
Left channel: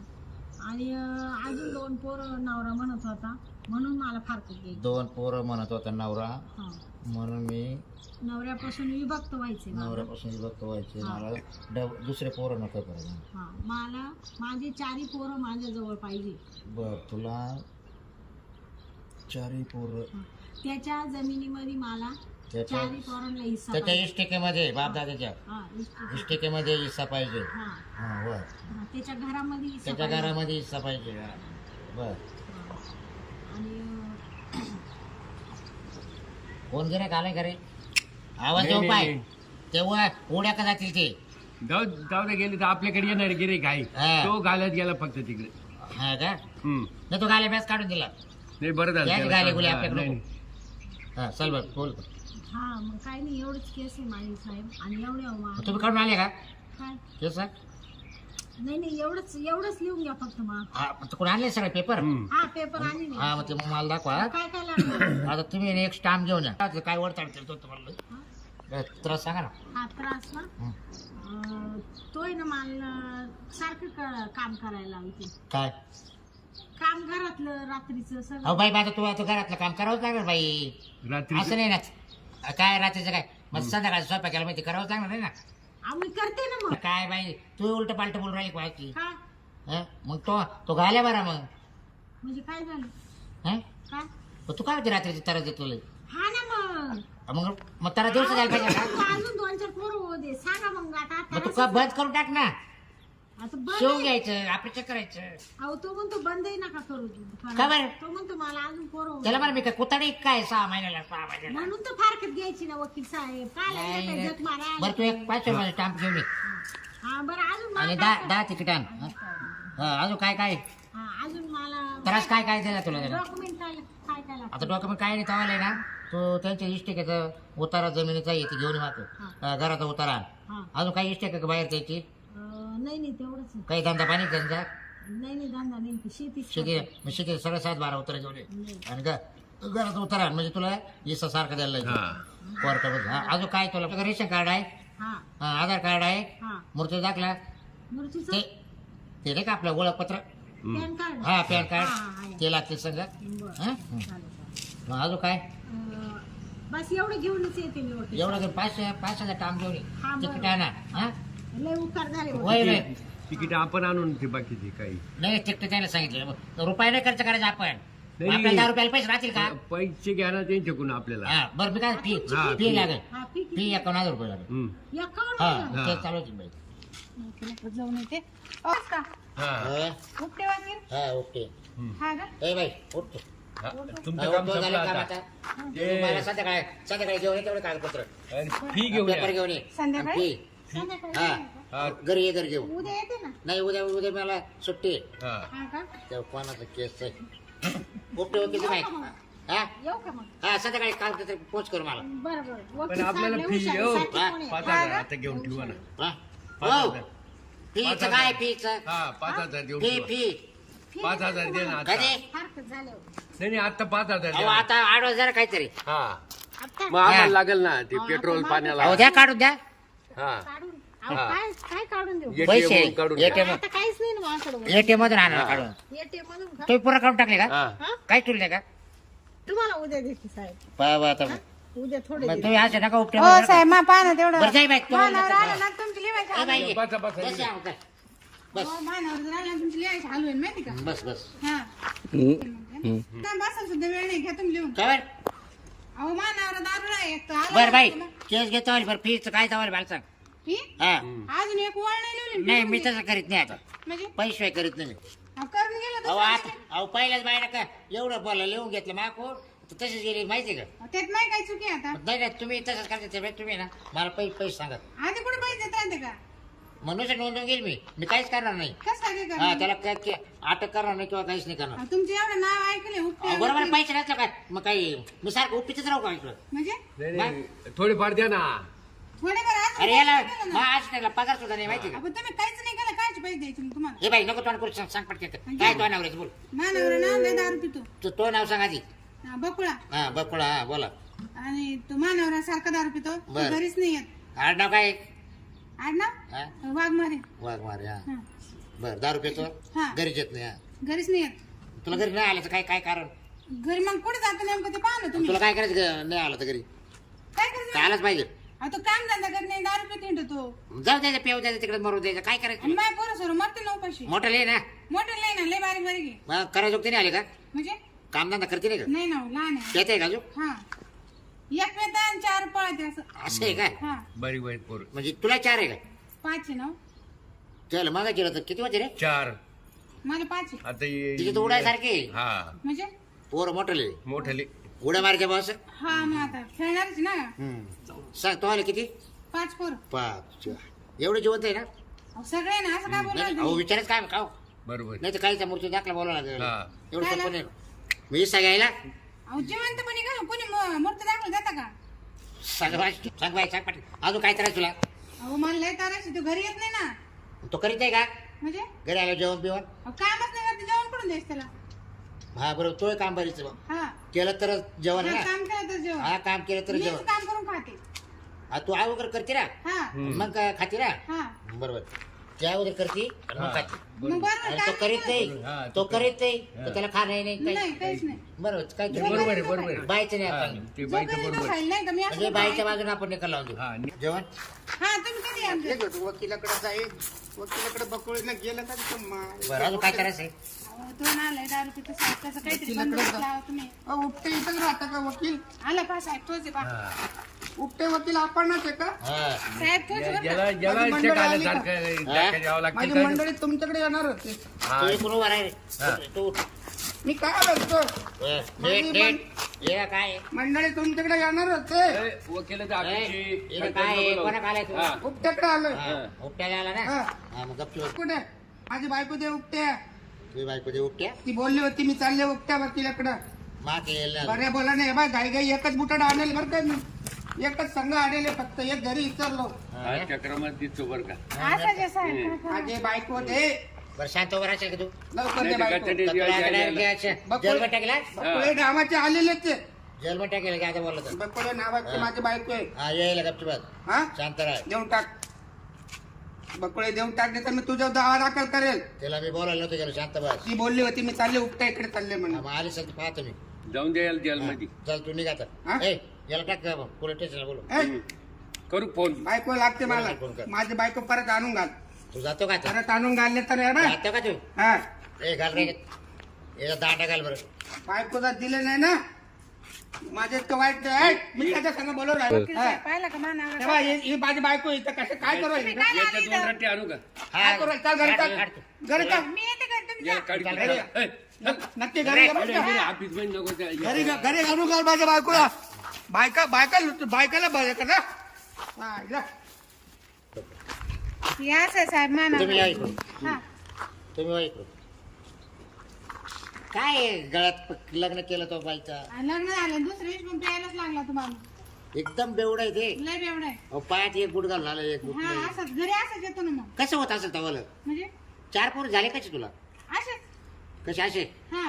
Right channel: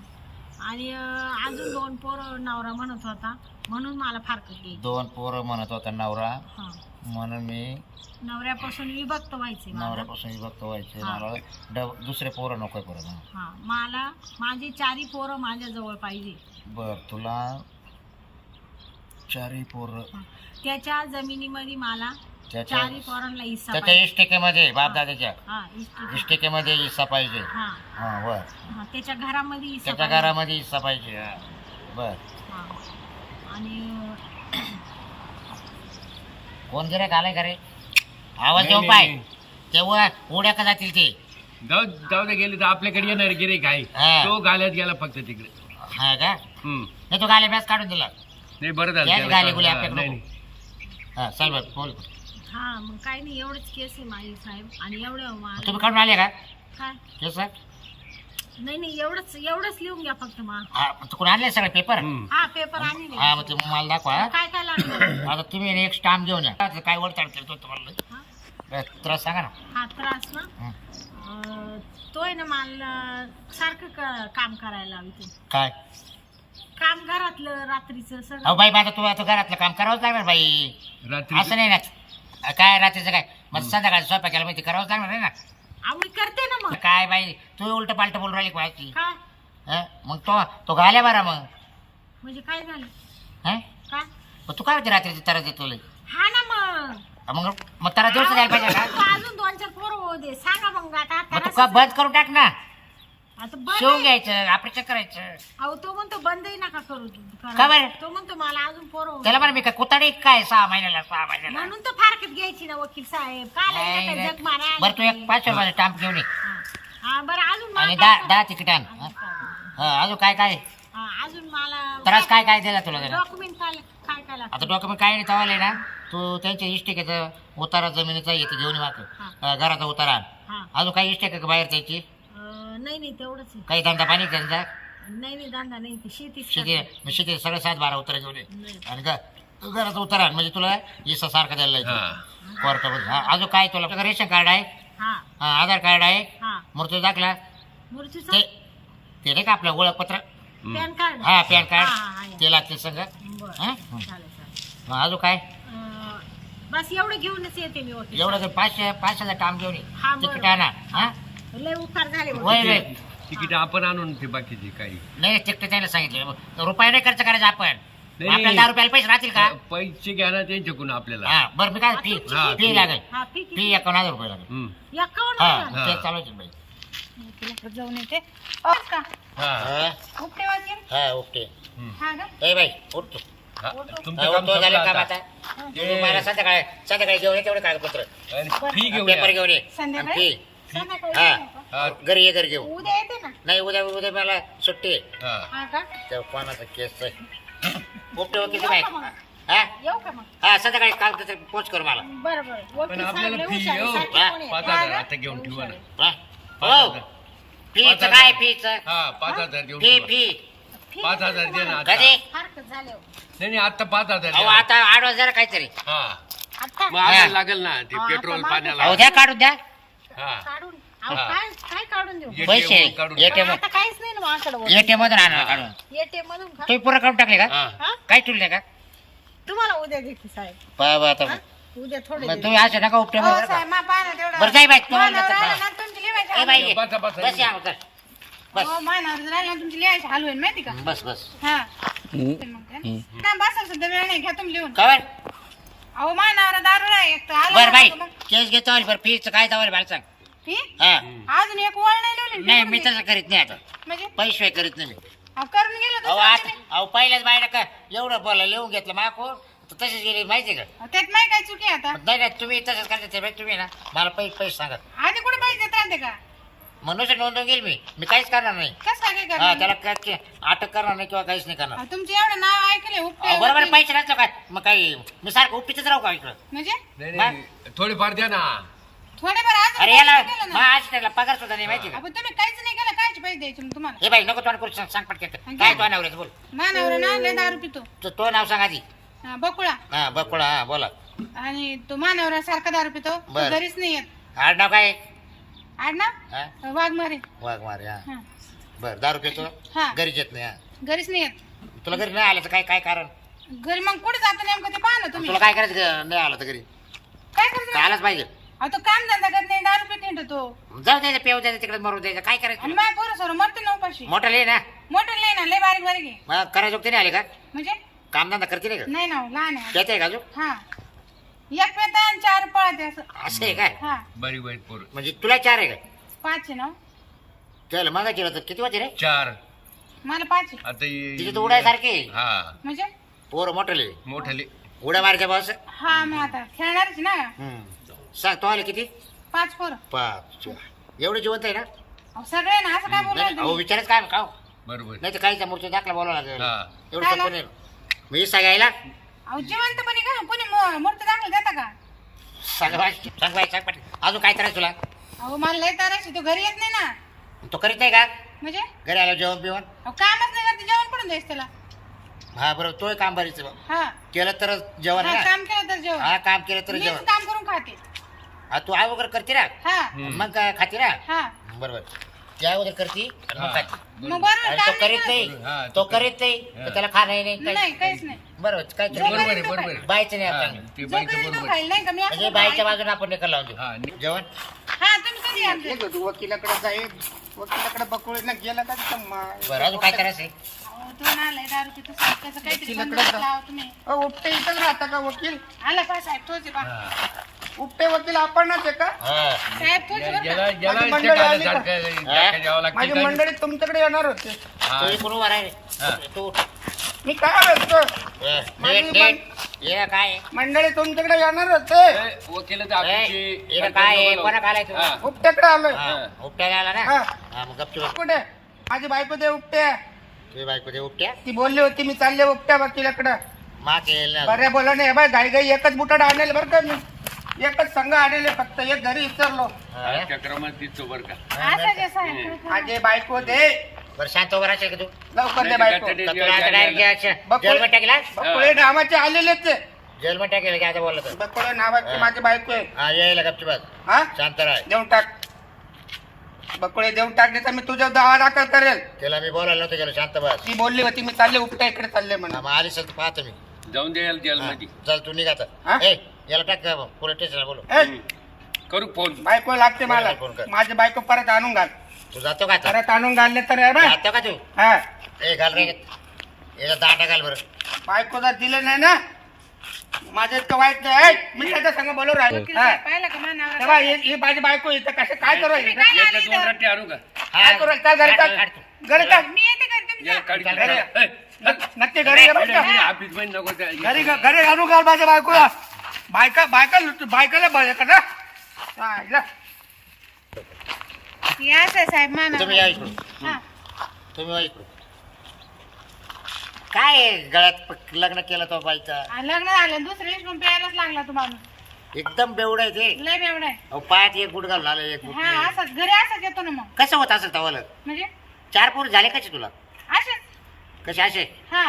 Speaker 3: आणि अजून 2 पोरं नवरा म्हणत होता म्हणून मला फारकत घ्यायची.
Speaker 1: 2 पोरं म्हणत होता नवरा,
Speaker 3: हा
Speaker 1: म्हणून मी
Speaker 3: नवऱ्यापासून विभक्त व्हायचे मला.
Speaker 1: नवऱ्यापासून विभक्त व्हायचे.
Speaker 3: हा.
Speaker 1: मला दुसरे पोरं नकोय परत. हा.
Speaker 3: हा मला माझे 4 पोरं माझ्या जवळ पाहिजे.
Speaker 1: बर तुला 4 पोरं.
Speaker 3: हा. त्याच्या जमिनीमध्ये मला
Speaker 1: त्याच्या
Speaker 3: 4 पोरांना हिस्सा
Speaker 1: त्याच्या
Speaker 3: पाहिजे.
Speaker 1: इष्टिकेमध्ये बापदादाच्या
Speaker 3: हा इष्टिके.
Speaker 1: इष्टिकेमध्ये हिस्सा पाहिजे.
Speaker 3: हा
Speaker 1: हा बर.
Speaker 3: हा, त्याच्या घरामध्ये हिस्सा
Speaker 1: त्याच्या
Speaker 3: पाहिजे.
Speaker 1: घरामध्ये हिस्सा पाहिजे. हा. बर.
Speaker 3: हा. आणि
Speaker 1: कोण गिऱ्हाईक आलाय का रे? आवाज
Speaker 2: नाही,
Speaker 1: देऊ
Speaker 2: नाही,
Speaker 1: पाय.
Speaker 2: नाही.
Speaker 1: तेव्हा उड्या का जातील ते?
Speaker 2: जाऊ जाऊ दे गेले तर आपल्याकडे येणार गिरेक आहे.
Speaker 1: हा.
Speaker 2: तो गाल्यात गेला फक्त तिकडे.
Speaker 1: हा का?
Speaker 2: हम्म.
Speaker 1: नाही तो गाले मॅच काढून दिला.
Speaker 2: नाही बरं झालं
Speaker 1: या
Speaker 2: त्याला
Speaker 1: गाले
Speaker 2: कळलं.
Speaker 1: गुले
Speaker 2: हा,
Speaker 1: आपल्याकडे
Speaker 2: नाही,
Speaker 1: नको.
Speaker 2: नाही.
Speaker 1: हा चल बर बोल.
Speaker 3: हा मग काही नाही एवढंच केस आहे माझी साहेब. आणि एवढं
Speaker 1: तुम्ही काढून आले का
Speaker 3: काय
Speaker 1: केस?
Speaker 3: नाही नाही एवढंच लिहून घ्या फक्त मा.
Speaker 1: हा कोण आणले सगळे पेपर?
Speaker 2: हम्म.
Speaker 3: हा पेपर आणि
Speaker 1: हा मग ते मला दाखवा. हा.
Speaker 3: काय काय लागलं?
Speaker 1: आता तुम्ही एक स्टाम्प घेऊन या. काय वडताड करतो तुम्हाला
Speaker 3: हा?
Speaker 1: त्रास सांगा ना.
Speaker 3: हा त्रास ना.
Speaker 1: हं.
Speaker 3: तो आहे ना मला सारखं काम करायला लावते.
Speaker 1: काय?
Speaker 3: काम घरातलं रात्रीचं
Speaker 1: अहो
Speaker 3: सगळं.
Speaker 1: बाई माझं तू आता घरातलं काम करावंच लागणार बाई.
Speaker 2: रात्री
Speaker 1: असं नाही ना. काय रात्रीचं काय मग संध्याकाळी स्वयंपाक केला माहिती करावंच लागणार नाही ना.
Speaker 3: मी करते ना मग.
Speaker 1: काय बाई तू उलट पालट बोलून राहिली व्हायची.
Speaker 3: काय
Speaker 1: मग तो घाल्या बरा मग.
Speaker 3: म्हणजे काय झालं?
Speaker 1: हं?
Speaker 3: काय?
Speaker 1: मग तू काय होती रात्रीची तारा देतो
Speaker 3: हा ना मग.
Speaker 1: मग तारा दिवस द्यायला पाहिजे का?
Speaker 3: तू अजून 2-4 पोरं होऊ दे. सांगा मग आता.
Speaker 1: मग तू का बंद करून टाक ना.
Speaker 3: आता बंद
Speaker 1: शिवून
Speaker 3: आहे.
Speaker 1: घ्यायचं ऑपरेशन करायचं.
Speaker 3: अहो तो म्हणतो बंदही नका करू तू.
Speaker 1: का बरं?
Speaker 3: तो म्हणतो मला अजून पोरं होऊ
Speaker 1: त्याला
Speaker 3: दे.
Speaker 1: म्हणा मी काय कुताडी काय 6 महिन्याला
Speaker 3: म्हणून तर फारकत घ्यायची ना वकील साहेब. काय जग मारा.
Speaker 1: बरं तू एक 500 रुपयाचा स्टॅम्प घेऊन ये
Speaker 3: हा बरं अजून
Speaker 1: आणि
Speaker 3: मला
Speaker 1: 10 तिकीट आण. अजून काय काय
Speaker 3: अजून मला
Speaker 1: त्रास काय दिला तुला जरा?
Speaker 3: डॉक्युमेंट काय काय काय लागतं?
Speaker 1: आता डॉक्युमेंट काय नाही तवाले ना तू त्यांच्या इष्टिकेचं उतारा जमिनीचा येते घेऊन ये मागं. घराचा उतारा आण.
Speaker 3: हा
Speaker 1: अजून काही इष्टिक का बाहेर त्याची
Speaker 3: नाही तेवढंच आहे.
Speaker 1: काही धंदा पाणी त्यांचा
Speaker 3: नाही धंदा नाही ते शेतीच
Speaker 1: शेती
Speaker 3: करते.
Speaker 1: शेती सगळं 7-12 उतारा घेऊन ये
Speaker 3: नाही.
Speaker 1: आणि घराचा उतारा आण. म्हणजे तुला इसा सारखं द्यायला लागेल कोर्टामध्ये. अजून काय तुला रेशन कार्ड आहे,
Speaker 3: हा
Speaker 1: आधार कार्ड आहे,
Speaker 3: हा
Speaker 1: मृत्यू दाखला
Speaker 3: मूर्तीचं
Speaker 1: ते नाही का आपलं ओळखपत्र,
Speaker 3: पॅन कार्ड.
Speaker 1: हा पॅन
Speaker 3: हा,
Speaker 1: कार्ड
Speaker 3: हा, या.
Speaker 1: ते लागते सगळं.
Speaker 3: बरं
Speaker 1: हा?
Speaker 3: चालेल.
Speaker 1: मग अजून काय
Speaker 3: बस एवढं घेऊनच येते मी वकील.
Speaker 1: एवढं 500 काम घेऊन ये
Speaker 3: हा, बरं.
Speaker 1: तिकीट आणा. हा
Speaker 3: लय उपकार झाले वकील.
Speaker 1: वय वय
Speaker 2: तिकीट आपण आणून ते बाकीचे काही
Speaker 1: नाही तिकीट त्याला सांगितलं रुपये नाही खर्च करायचा आपण.
Speaker 2: नाही.
Speaker 1: आपल्याला 10 रुपयाला पैसे राहतील का?
Speaker 2: पैसे घ्या ना त्यांच्याकडून आपल्याला.
Speaker 1: हा बरं मी काय फी
Speaker 2: हा,
Speaker 1: फी
Speaker 2: फी.
Speaker 1: लागेल.
Speaker 3: हा ठीक
Speaker 1: फी 51,000 रुपये लागेल.
Speaker 2: हम्म.
Speaker 3: आहे. 51
Speaker 1: हा
Speaker 3: हजार.
Speaker 1: ते चालवायची बाई.
Speaker 3: वकिलाकडे जाऊन येते. हो का?
Speaker 2: हा.
Speaker 1: हा
Speaker 3: उपटे वकील.
Speaker 1: हा ओके.
Speaker 2: हम्म.
Speaker 3: हा का?
Speaker 1: ए बाई उठ तू.
Speaker 2: हा,
Speaker 1: हा,
Speaker 2: तुमचं काम
Speaker 1: उठतो झालं
Speaker 2: संपलं
Speaker 1: काम
Speaker 2: आता.
Speaker 1: आता. तू मला संध्याकाळी घेऊन ये तेवढे कागदपत्र
Speaker 2: आणि फी घेऊन
Speaker 1: पेपर
Speaker 2: या.
Speaker 1: घेऊन ये
Speaker 3: संध्याकाळी?
Speaker 1: फी.
Speaker 3: संध्याकाळी
Speaker 1: हा.
Speaker 3: येऊ का?
Speaker 2: हा,
Speaker 1: घरी ये घरी घेऊ.
Speaker 3: उद्या येते ना.
Speaker 1: नाही उद्या मला सुट्टी आहे.
Speaker 2: हा.
Speaker 3: हा का?
Speaker 1: त्या कोणाचा केस आहे उपटे वकील काय
Speaker 3: येऊ का मग?
Speaker 1: हा
Speaker 3: येऊ का मग?
Speaker 1: हा संध्याकाळी कागदपत्र पोच कर मला.
Speaker 3: बरं बरं.
Speaker 2: पण
Speaker 3: वकील
Speaker 2: आपल्याला
Speaker 3: साहेब
Speaker 2: फी
Speaker 3: लय हुशार
Speaker 2: येऊ.
Speaker 3: आहे. साठी
Speaker 1: हा,
Speaker 3: कोणी आहे?
Speaker 2: 5,000
Speaker 3: हा
Speaker 2: आता घेऊन ठेवा ना.
Speaker 1: हा?
Speaker 2: 5,000.
Speaker 1: हो फीच काय फीच
Speaker 2: हा 5,000 घेऊन
Speaker 1: फी
Speaker 2: ठेवा.
Speaker 1: फी
Speaker 3: फी
Speaker 2: 5,000 दे ना आता.
Speaker 1: कधी
Speaker 3: फारकत झाले हो.
Speaker 2: नाही आता 5,000
Speaker 1: अहो
Speaker 2: द्या.
Speaker 1: आता 8,000 काहीतरी.
Speaker 2: हा
Speaker 3: आता
Speaker 2: मग आम्हाला लागेल ना ते
Speaker 3: हा,
Speaker 2: पेट्रोल
Speaker 3: आता
Speaker 2: पाण्याला.
Speaker 1: अहो द्या काढून द्या
Speaker 2: हा
Speaker 3: काढून अहो,
Speaker 2: हा.
Speaker 3: काय काय काढून देऊ?
Speaker 2: ATM
Speaker 1: पैसे
Speaker 2: मधून काढून
Speaker 1: ATM
Speaker 3: पण आता काहीच नाही ना माझ्याकडे.
Speaker 1: ATM मधून आणा काढून.
Speaker 3: एटीएम मधून का?
Speaker 1: तुम्ही पुरा काढून टाकले का?
Speaker 2: हा.
Speaker 3: हा?
Speaker 1: काय ठेवले का?
Speaker 3: तुम्हाला उद्या देते साहेब.
Speaker 1: पहा आता
Speaker 3: हा? उद्या थोडे
Speaker 1: मग
Speaker 3: देते.
Speaker 1: तुम्ही असं नका उपटे
Speaker 3: हो साहेब मा पाय ना तेवढं.
Speaker 1: बरं जाई बाई
Speaker 3: मानावर राहिलं
Speaker 1: तुम्हाला
Speaker 3: ना तुमची लिहायची
Speaker 1: ए बाई
Speaker 2: बसा, बसा.
Speaker 1: बस या उतर. बस
Speaker 3: हो मानावर राहिलं ना तुमची लिहायची हाल होईल माहिती का?
Speaker 1: बस बस
Speaker 3: हा ना बसाल सुद्धा वेळ नाही घ्या तुम्ही लिहून.
Speaker 1: कवर
Speaker 3: अहो मानावर दारू नाही एक तर आलं
Speaker 1: बर बाई
Speaker 3: ना
Speaker 1: केस घेतो बरं फीच काय तवाल मला सांग.
Speaker 3: फी?
Speaker 1: हा
Speaker 3: अजून एक वळ नाही लिहिली
Speaker 1: नाही मी तसं करीत नाही आता
Speaker 3: म्हणजे
Speaker 1: पैसे करीत नाही मी.
Speaker 3: अहो, करून गेलं
Speaker 1: अहो
Speaker 3: तर
Speaker 1: आता अहो पहिल्याच बायला का एवढं बोला लिहून घेतलं माको तसेच गेली माहिती का?
Speaker 3: त्यात नाही काय चुकी आहे आता.
Speaker 1: नाही नाही तुम्ही तसंच करते बाई तुम्ही ना मला पैसे सांगा
Speaker 3: आधी कुठे पैसे देत राहते का?
Speaker 1: म्हणून नोंदवून गेली मी काहीच करणार नाही.
Speaker 3: कसं काय
Speaker 1: हा
Speaker 3: करणार?
Speaker 1: त्याला अटक करणार नाही किंवा काहीच नाही करणार.
Speaker 3: अहो, तुमचे एवढं नाव ऐकले
Speaker 1: अहो,
Speaker 3: उपटे
Speaker 1: बरोबर
Speaker 3: वकील.
Speaker 1: पैसे नसलं काय मग काही मी सारखं उपटीच राहू का इकडं?
Speaker 3: म्हणजे
Speaker 2: नाही नाही थोडेफार द्या ना.
Speaker 3: थोडेफार अजून
Speaker 1: अरे
Speaker 3: पैसे
Speaker 1: याला
Speaker 3: दिले
Speaker 1: मग
Speaker 3: ना.
Speaker 1: आज त्याला पगार सुद्धा नाही माहिती का?
Speaker 3: अहो, तुम्ही काहीच नाही केलं कायचे पैसे द्यायचे मग तुम्हाला?
Speaker 1: हे बाई नको तोंड करू सांग पटकन काय तो नवऱ्याचं बोल
Speaker 3: मानावर ना लय दारू पितो.
Speaker 1: तो नाव सांग आधी.
Speaker 3: हा, बकुळा.
Speaker 1: हा बकुळा हा बोला
Speaker 3: आणि तो मानावर सारखा दारू पितो. तो
Speaker 1: बरं.
Speaker 3: घरीच नाही येत.
Speaker 1: आडनाव काय
Speaker 3: आड
Speaker 1: हा
Speaker 3: ना वाघमारे.
Speaker 1: वाघ मारे हा
Speaker 3: हा
Speaker 1: बर दारू पितो
Speaker 3: हा.
Speaker 1: घरीच येत नाही हा
Speaker 3: घरीच नाही येत.
Speaker 1: तुला घरी नाही आलं तर काय काय कारण
Speaker 3: घरी मग कुठे जातो नेमकं ते पाहा ना तुम्ही.
Speaker 1: तुला काय करायचं नाही आलं तर घरी
Speaker 3: काय करायचं?
Speaker 1: काय आलंच पाहिजे.
Speaker 3: अहो, तो काम धंदा करत नाही दारू पित हिंडतो तो.
Speaker 1: जाऊ द्यायचं पेव द्यायचं तिकडे मरू द्यायचं काय करायचं
Speaker 3: आणि
Speaker 1: तुला?
Speaker 3: माझ्या पोरं सोरं मरते ना उपाशी.
Speaker 1: मोठं लिहि ना
Speaker 3: मोठं नाही ना लय बारीक बारीक आहे.
Speaker 1: मग करायचं नाही आले का
Speaker 3: म्हणजे
Speaker 1: कामधंदा करते नाही का
Speaker 3: नाही ना हो, लहान आहे.
Speaker 1: त्याच आहे का अजून
Speaker 3: हा एक पेता आणि 4 पळते असं.
Speaker 1: असं आहे काय
Speaker 3: हा
Speaker 2: बरी वाईट पोर.
Speaker 1: म्हणजे तुला 4 आहे का
Speaker 3: 5 आहे ना हो.
Speaker 1: चल मग केलं तर किती वाजे रे
Speaker 2: 4
Speaker 3: मला 5 आहे.
Speaker 2: आता
Speaker 1: तिची तर उडायसारखी
Speaker 2: हा
Speaker 3: म्हणजे
Speaker 1: पोर मोठं लिहि
Speaker 2: मोठाले.
Speaker 1: उड्या मारायच्या बस
Speaker 3: हा मग आता खेळणारच ना.
Speaker 1: सांग तो आले किती
Speaker 3: 5 पोरं.
Speaker 1: 5 एवढं जिवंत आहे ना
Speaker 3: अहो, सगळे ना असं काय बोलणार
Speaker 1: अहो
Speaker 3: तुम्ही?
Speaker 1: विचारच काय खाऊ
Speaker 2: बरोबर.
Speaker 1: नाही तर काहीचा मूर्ती दाखला बोलावं लागेल
Speaker 2: हा.
Speaker 1: एवढं
Speaker 3: काय
Speaker 1: सोपं नाही मी सांगायला
Speaker 3: अहो जिवंतपणी का कोणी मूर्ती दाखल देता का?
Speaker 1: सांग बाई सांग पाटील अजून काय करायचं तुला
Speaker 3: अहो मला लय तारायची तो घरी येत नाही ना.
Speaker 1: तो करीत नाही का
Speaker 3: म्हणजे
Speaker 1: घरी आलो जेवण बिवण
Speaker 3: अहो कामच नाही करते जेवण पडून द्यायच त्याला.
Speaker 1: हा बरोबर तोय काम बरीच
Speaker 3: हा
Speaker 1: केलं तर जेवण आहे
Speaker 3: हा,
Speaker 1: ना
Speaker 3: काम केलं तर जेवण.
Speaker 1: हा काम केलं तर
Speaker 3: मीच
Speaker 1: जेवण
Speaker 3: काम करून खाते.
Speaker 1: हा तू आई वगैरे करते ना
Speaker 3: हा
Speaker 2: हम्म.
Speaker 1: मग काय खाते ना
Speaker 3: हा
Speaker 1: बरोबर त्या अगोदर करती आणि मग खाती.
Speaker 3: मग बरोबर
Speaker 1: आणि तो
Speaker 3: काम
Speaker 1: करीत
Speaker 3: नाही
Speaker 2: हा,
Speaker 1: नाही
Speaker 2: तो
Speaker 1: तो करीत नाही
Speaker 2: हा.
Speaker 1: तर त्याला खाणं नाही
Speaker 3: करत. नाही काहीच नाही
Speaker 1: बरोबर काय
Speaker 2: बरोबर आहे बरोबर आहे
Speaker 1: बायचं नाही
Speaker 2: हा,
Speaker 1: आपण
Speaker 2: ते
Speaker 3: जो
Speaker 2: बाईचं
Speaker 3: करेल तो
Speaker 2: बरोबर आहे.
Speaker 3: खाईल नाही का मी असं
Speaker 1: म्हणजे बाईच्या बाजूने आपण निकाल लावून देऊ
Speaker 2: हा
Speaker 1: जेवण
Speaker 3: हा तुम्ही कधी आमचे
Speaker 5: वकिलाकडे जाईल वकिलाकडे बकुळीला गेला का तिथं
Speaker 1: बरं अजून काय करायचंय
Speaker 3: दोन आलाय दारू पितो साहेब त्याचं काहीतरी
Speaker 5: वकिलाकडे
Speaker 3: बंदोबस्त
Speaker 5: जा.
Speaker 3: लावा तुम्ही
Speaker 5: उपटे इथंच राहता का वकील
Speaker 3: आला पा साहेब तोच आहे पा
Speaker 2: हा.
Speaker 5: उपटे वकील आपणच आहे का
Speaker 1: हा
Speaker 3: साहेब तोच आहे बरं का?
Speaker 2: याला
Speaker 5: माझी
Speaker 2: इथे
Speaker 5: मंडळी
Speaker 2: काय
Speaker 5: आली का?
Speaker 2: सारखं धक्का द्यावं लागतं
Speaker 5: माझी
Speaker 2: का?
Speaker 5: मंडळी तुमच्याकडे येणार होते
Speaker 2: हा.
Speaker 1: तू इकडून उभा राह रे.
Speaker 2: हा.
Speaker 1: तू उठ.
Speaker 5: मी काय म्हणतो माझी
Speaker 1: ये काय आहे?
Speaker 5: मंडळी तुमच्याकडे येणार होते
Speaker 2: ए, वकिलाचं ऑफिसची
Speaker 1: ये काय आहे?
Speaker 2: नको
Speaker 1: कोणा
Speaker 2: लावू.
Speaker 1: आलाय तू
Speaker 2: हा.
Speaker 5: उपट्याकडे आलोय
Speaker 1: हा, उपट्याला आला ना
Speaker 5: हा.
Speaker 1: हा मग गपची बस.
Speaker 5: कुठे माझी बायको दे उपट्या
Speaker 1: तुझी बायको दे उपट्या
Speaker 5: ती बोलली होती मी चालले उपट्या वकिलाकडे
Speaker 1: मा केलं ना.
Speaker 5: बरे बोला नाही बाय घाई घाई एकच बुटाड आणेल बरं का मी एकच संघ आणले फक्त एक घरी विचारलो
Speaker 1: हा.
Speaker 2: चक्रमात दिसतो बरं का
Speaker 3: असं जे साहेब
Speaker 5: माझे बायको दे
Speaker 1: बरं शांत उभा राहशील का तू
Speaker 5: लवकर दे बायको
Speaker 2: नाही,
Speaker 1: का तुला आता डायरेक्ट
Speaker 5: बकुळे-
Speaker 1: जेलमध्ये टाकेला
Speaker 5: बकुळे नावाचे आलेलेच आहे.
Speaker 1: जेलमध्ये टाकेल की आता बोललं तर
Speaker 5: बकुळे नावाचे माझी बायको आहे
Speaker 1: हा यायला गपची बस
Speaker 5: हा
Speaker 1: शांत राह
Speaker 5: देऊन टाक बकुळे देऊन टाकले तर मी तुझ्या दावा दाखल करेल
Speaker 1: त्याला मी बोलायला नव्हतं गेलो शांत बस
Speaker 5: ती बोलली होती मी चालले उपटा इकडे चालले म्हणून
Speaker 1: हा, मग आली सर तू पाहतो मी
Speaker 2: जाऊन द्यायला जेलमध्ये
Speaker 1: चल तू निघा
Speaker 5: हा?
Speaker 1: आता ए याला टाक पोलीस स्टेशनला बोलू
Speaker 5: ए,
Speaker 2: करू फोन
Speaker 5: बायको लागते मला
Speaker 1: फोन कर.
Speaker 5: माझी बायको परत आणून घाल
Speaker 1: तू जातो का आता
Speaker 5: परत आणून घालले तर आहे बा.
Speaker 1: जातो का तू
Speaker 5: हा
Speaker 1: ए घाल रे याला दांडा घाल बरं
Speaker 5: बायको जर दिले नाही ना माझ्या इतकं वाईट नाही ऐक, मी त्याच्या संग बोलू राहिलो हा.
Speaker 3: पाहिलं का
Speaker 5: तेव्हा
Speaker 3: मानावर
Speaker 5: ही माझी बायको इथं कसं काय करू राहिली?
Speaker 2: याच्या दोन रट्टे आणू का
Speaker 5: काय करू राहिली? चाल घरी
Speaker 1: काढ, काढ
Speaker 5: चाल
Speaker 1: तू.
Speaker 5: घरी चाल
Speaker 3: मी येते का तुम्ही
Speaker 2: याला काढ
Speaker 1: चल,
Speaker 5: घरी.
Speaker 2: ए,
Speaker 5: नक्की घरी ये बरं का?
Speaker 2: ऑफिस मध्ये नको त्या-
Speaker 5: घरी घरी आणू घाल माझ्या बायकोला बायकाला बरं का ना हा, इला.
Speaker 3: या साहेब
Speaker 1: तुम्ही या
Speaker 3: मानावर
Speaker 1: इकडून
Speaker 3: हा
Speaker 1: तुम्ही वा इकडून काय आहे? गळ्यात लग्न केलं तो बाईचा
Speaker 3: लग्न झालं दुसऱ्या दिवशी पण प्यायलाच लागला तुम्हाला
Speaker 1: एकदम बेवड आहे ते
Speaker 3: लय बेवडा आहे
Speaker 1: अहो, पायात एक गुट घालून आलं एक गुट
Speaker 3: हा
Speaker 1: नाही.
Speaker 3: असंच घरी असंच येतो ना मग
Speaker 1: कसं होत असेल तवाला
Speaker 3: म्हणजे
Speaker 1: 4 पोर झाले कसे तुला
Speaker 3: असेच
Speaker 1: कसे असे
Speaker 3: हा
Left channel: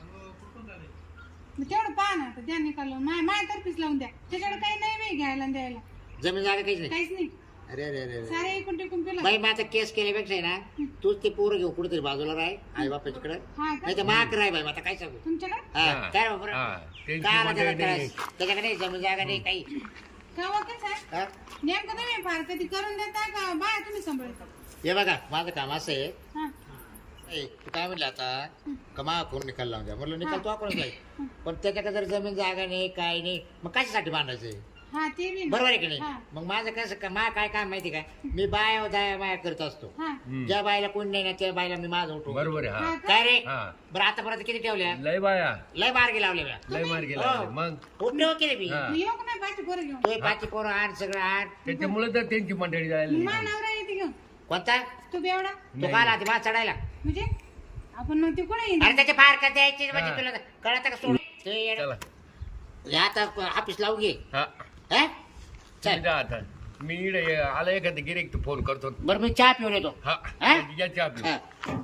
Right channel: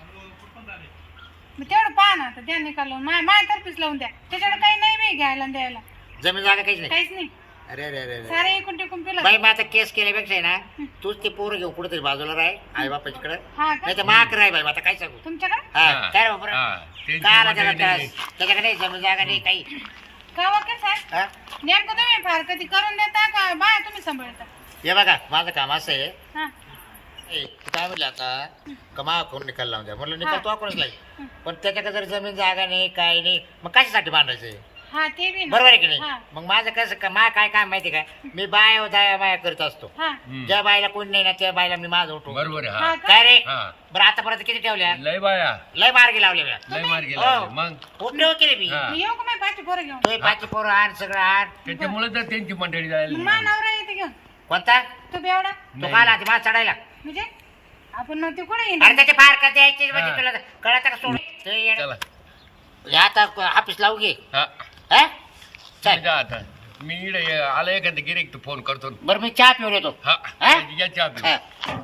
Speaker 3: मग तेवढं पहा ना आता द्या निकाल लावून माझ्या तर्फीच लावून द्या त्याच्याकडे काही नाही मी घ्यायला आणि द्यायला
Speaker 1: जमीन जागा काहीच नाही
Speaker 3: काहीच नाही
Speaker 1: अरे अरे अरे अरे
Speaker 3: सारे एकूण टिकून पिलं
Speaker 1: बाई मग आता केस केल्यापेक्षा आहे ना तूच ते पोरं घेऊ कुठेतरी बाजूला राह आई बापाच्याकडे
Speaker 3: हा का
Speaker 1: नाही तर माक राह बाई मग आता काय सांगू
Speaker 3: तुमच्याकडे
Speaker 1: हा काय रे बाबा?
Speaker 2: हा, त्यांची
Speaker 1: काय आला त्याला
Speaker 2: मंडळी नाही.
Speaker 1: त्रास? त्याच्याकडे नाही जमीन जागा नाही काही
Speaker 3: का वकील साहेब
Speaker 1: हा?
Speaker 3: नेमकं तुम्ही फार कधी करून देता का बाय तुम्ही सांभाळता
Speaker 1: हे बघा माझं काम असं आहे
Speaker 3: हा
Speaker 1: ए, तू काय म्हणलं आता कमा करून निकाल लावून द्या म्हटलं निकाल
Speaker 3: हा.
Speaker 1: तो आपणच लाईल पण त्याच्याकडे जर जमीन जागा नाही काय नाही मग कशासाठी बांधायचंय
Speaker 3: हा ते बी ना.
Speaker 1: बरोबर आहे की नाही
Speaker 3: हा
Speaker 1: मग माझं कसं मा काय काम माहिती काय मी बाय दया माया करत असतो
Speaker 3: हा
Speaker 2: हम्म.
Speaker 1: ज्या बायला कोणी नाही ना त्या बायला मी माझं उठू
Speaker 2: बरोबर आहे
Speaker 3: हा
Speaker 2: हा
Speaker 3: का?
Speaker 1: काय रे
Speaker 2: हा
Speaker 1: बरं आतापर्यंत किती ठेवल्या
Speaker 2: लय बाया
Speaker 1: लय मार्गी लावले म्या.
Speaker 2: लय मार गेला
Speaker 1: हो.
Speaker 2: मग
Speaker 1: खूप ठेव केले मी
Speaker 2: हा.
Speaker 3: मी येऊ का माझी पाठी पोरं घेऊन
Speaker 1: तो पाची पोरं आण सगळं आण
Speaker 2: त्याच्यामुळे तर त्यांची मंडळी
Speaker 3: मग
Speaker 2: जायला
Speaker 3: मा नवरा येते घेऊन
Speaker 1: कोणता
Speaker 3: तू बेवडा
Speaker 1: तो
Speaker 2: नाही.
Speaker 1: काल आधी माझ चढायला
Speaker 3: म्हणजे आपण मग ते कुठे येईल
Speaker 1: अरे त्याचे फार का द्यायचे म्हणजे
Speaker 2: हा.
Speaker 1: तुला कळत का सोड ते येडं.
Speaker 2: चला
Speaker 1: हे आता ऑफिस लावू घे
Speaker 2: हा
Speaker 1: हा?
Speaker 2: तुम्ही
Speaker 1: चल
Speaker 2: जा आता मी इकडे आला एखादा गिरेक फोन करतो
Speaker 1: बरं मी चहा पिऊन येतो
Speaker 2: हा
Speaker 1: हा?
Speaker 2: या चहा पिऊ.
Speaker 1: हा.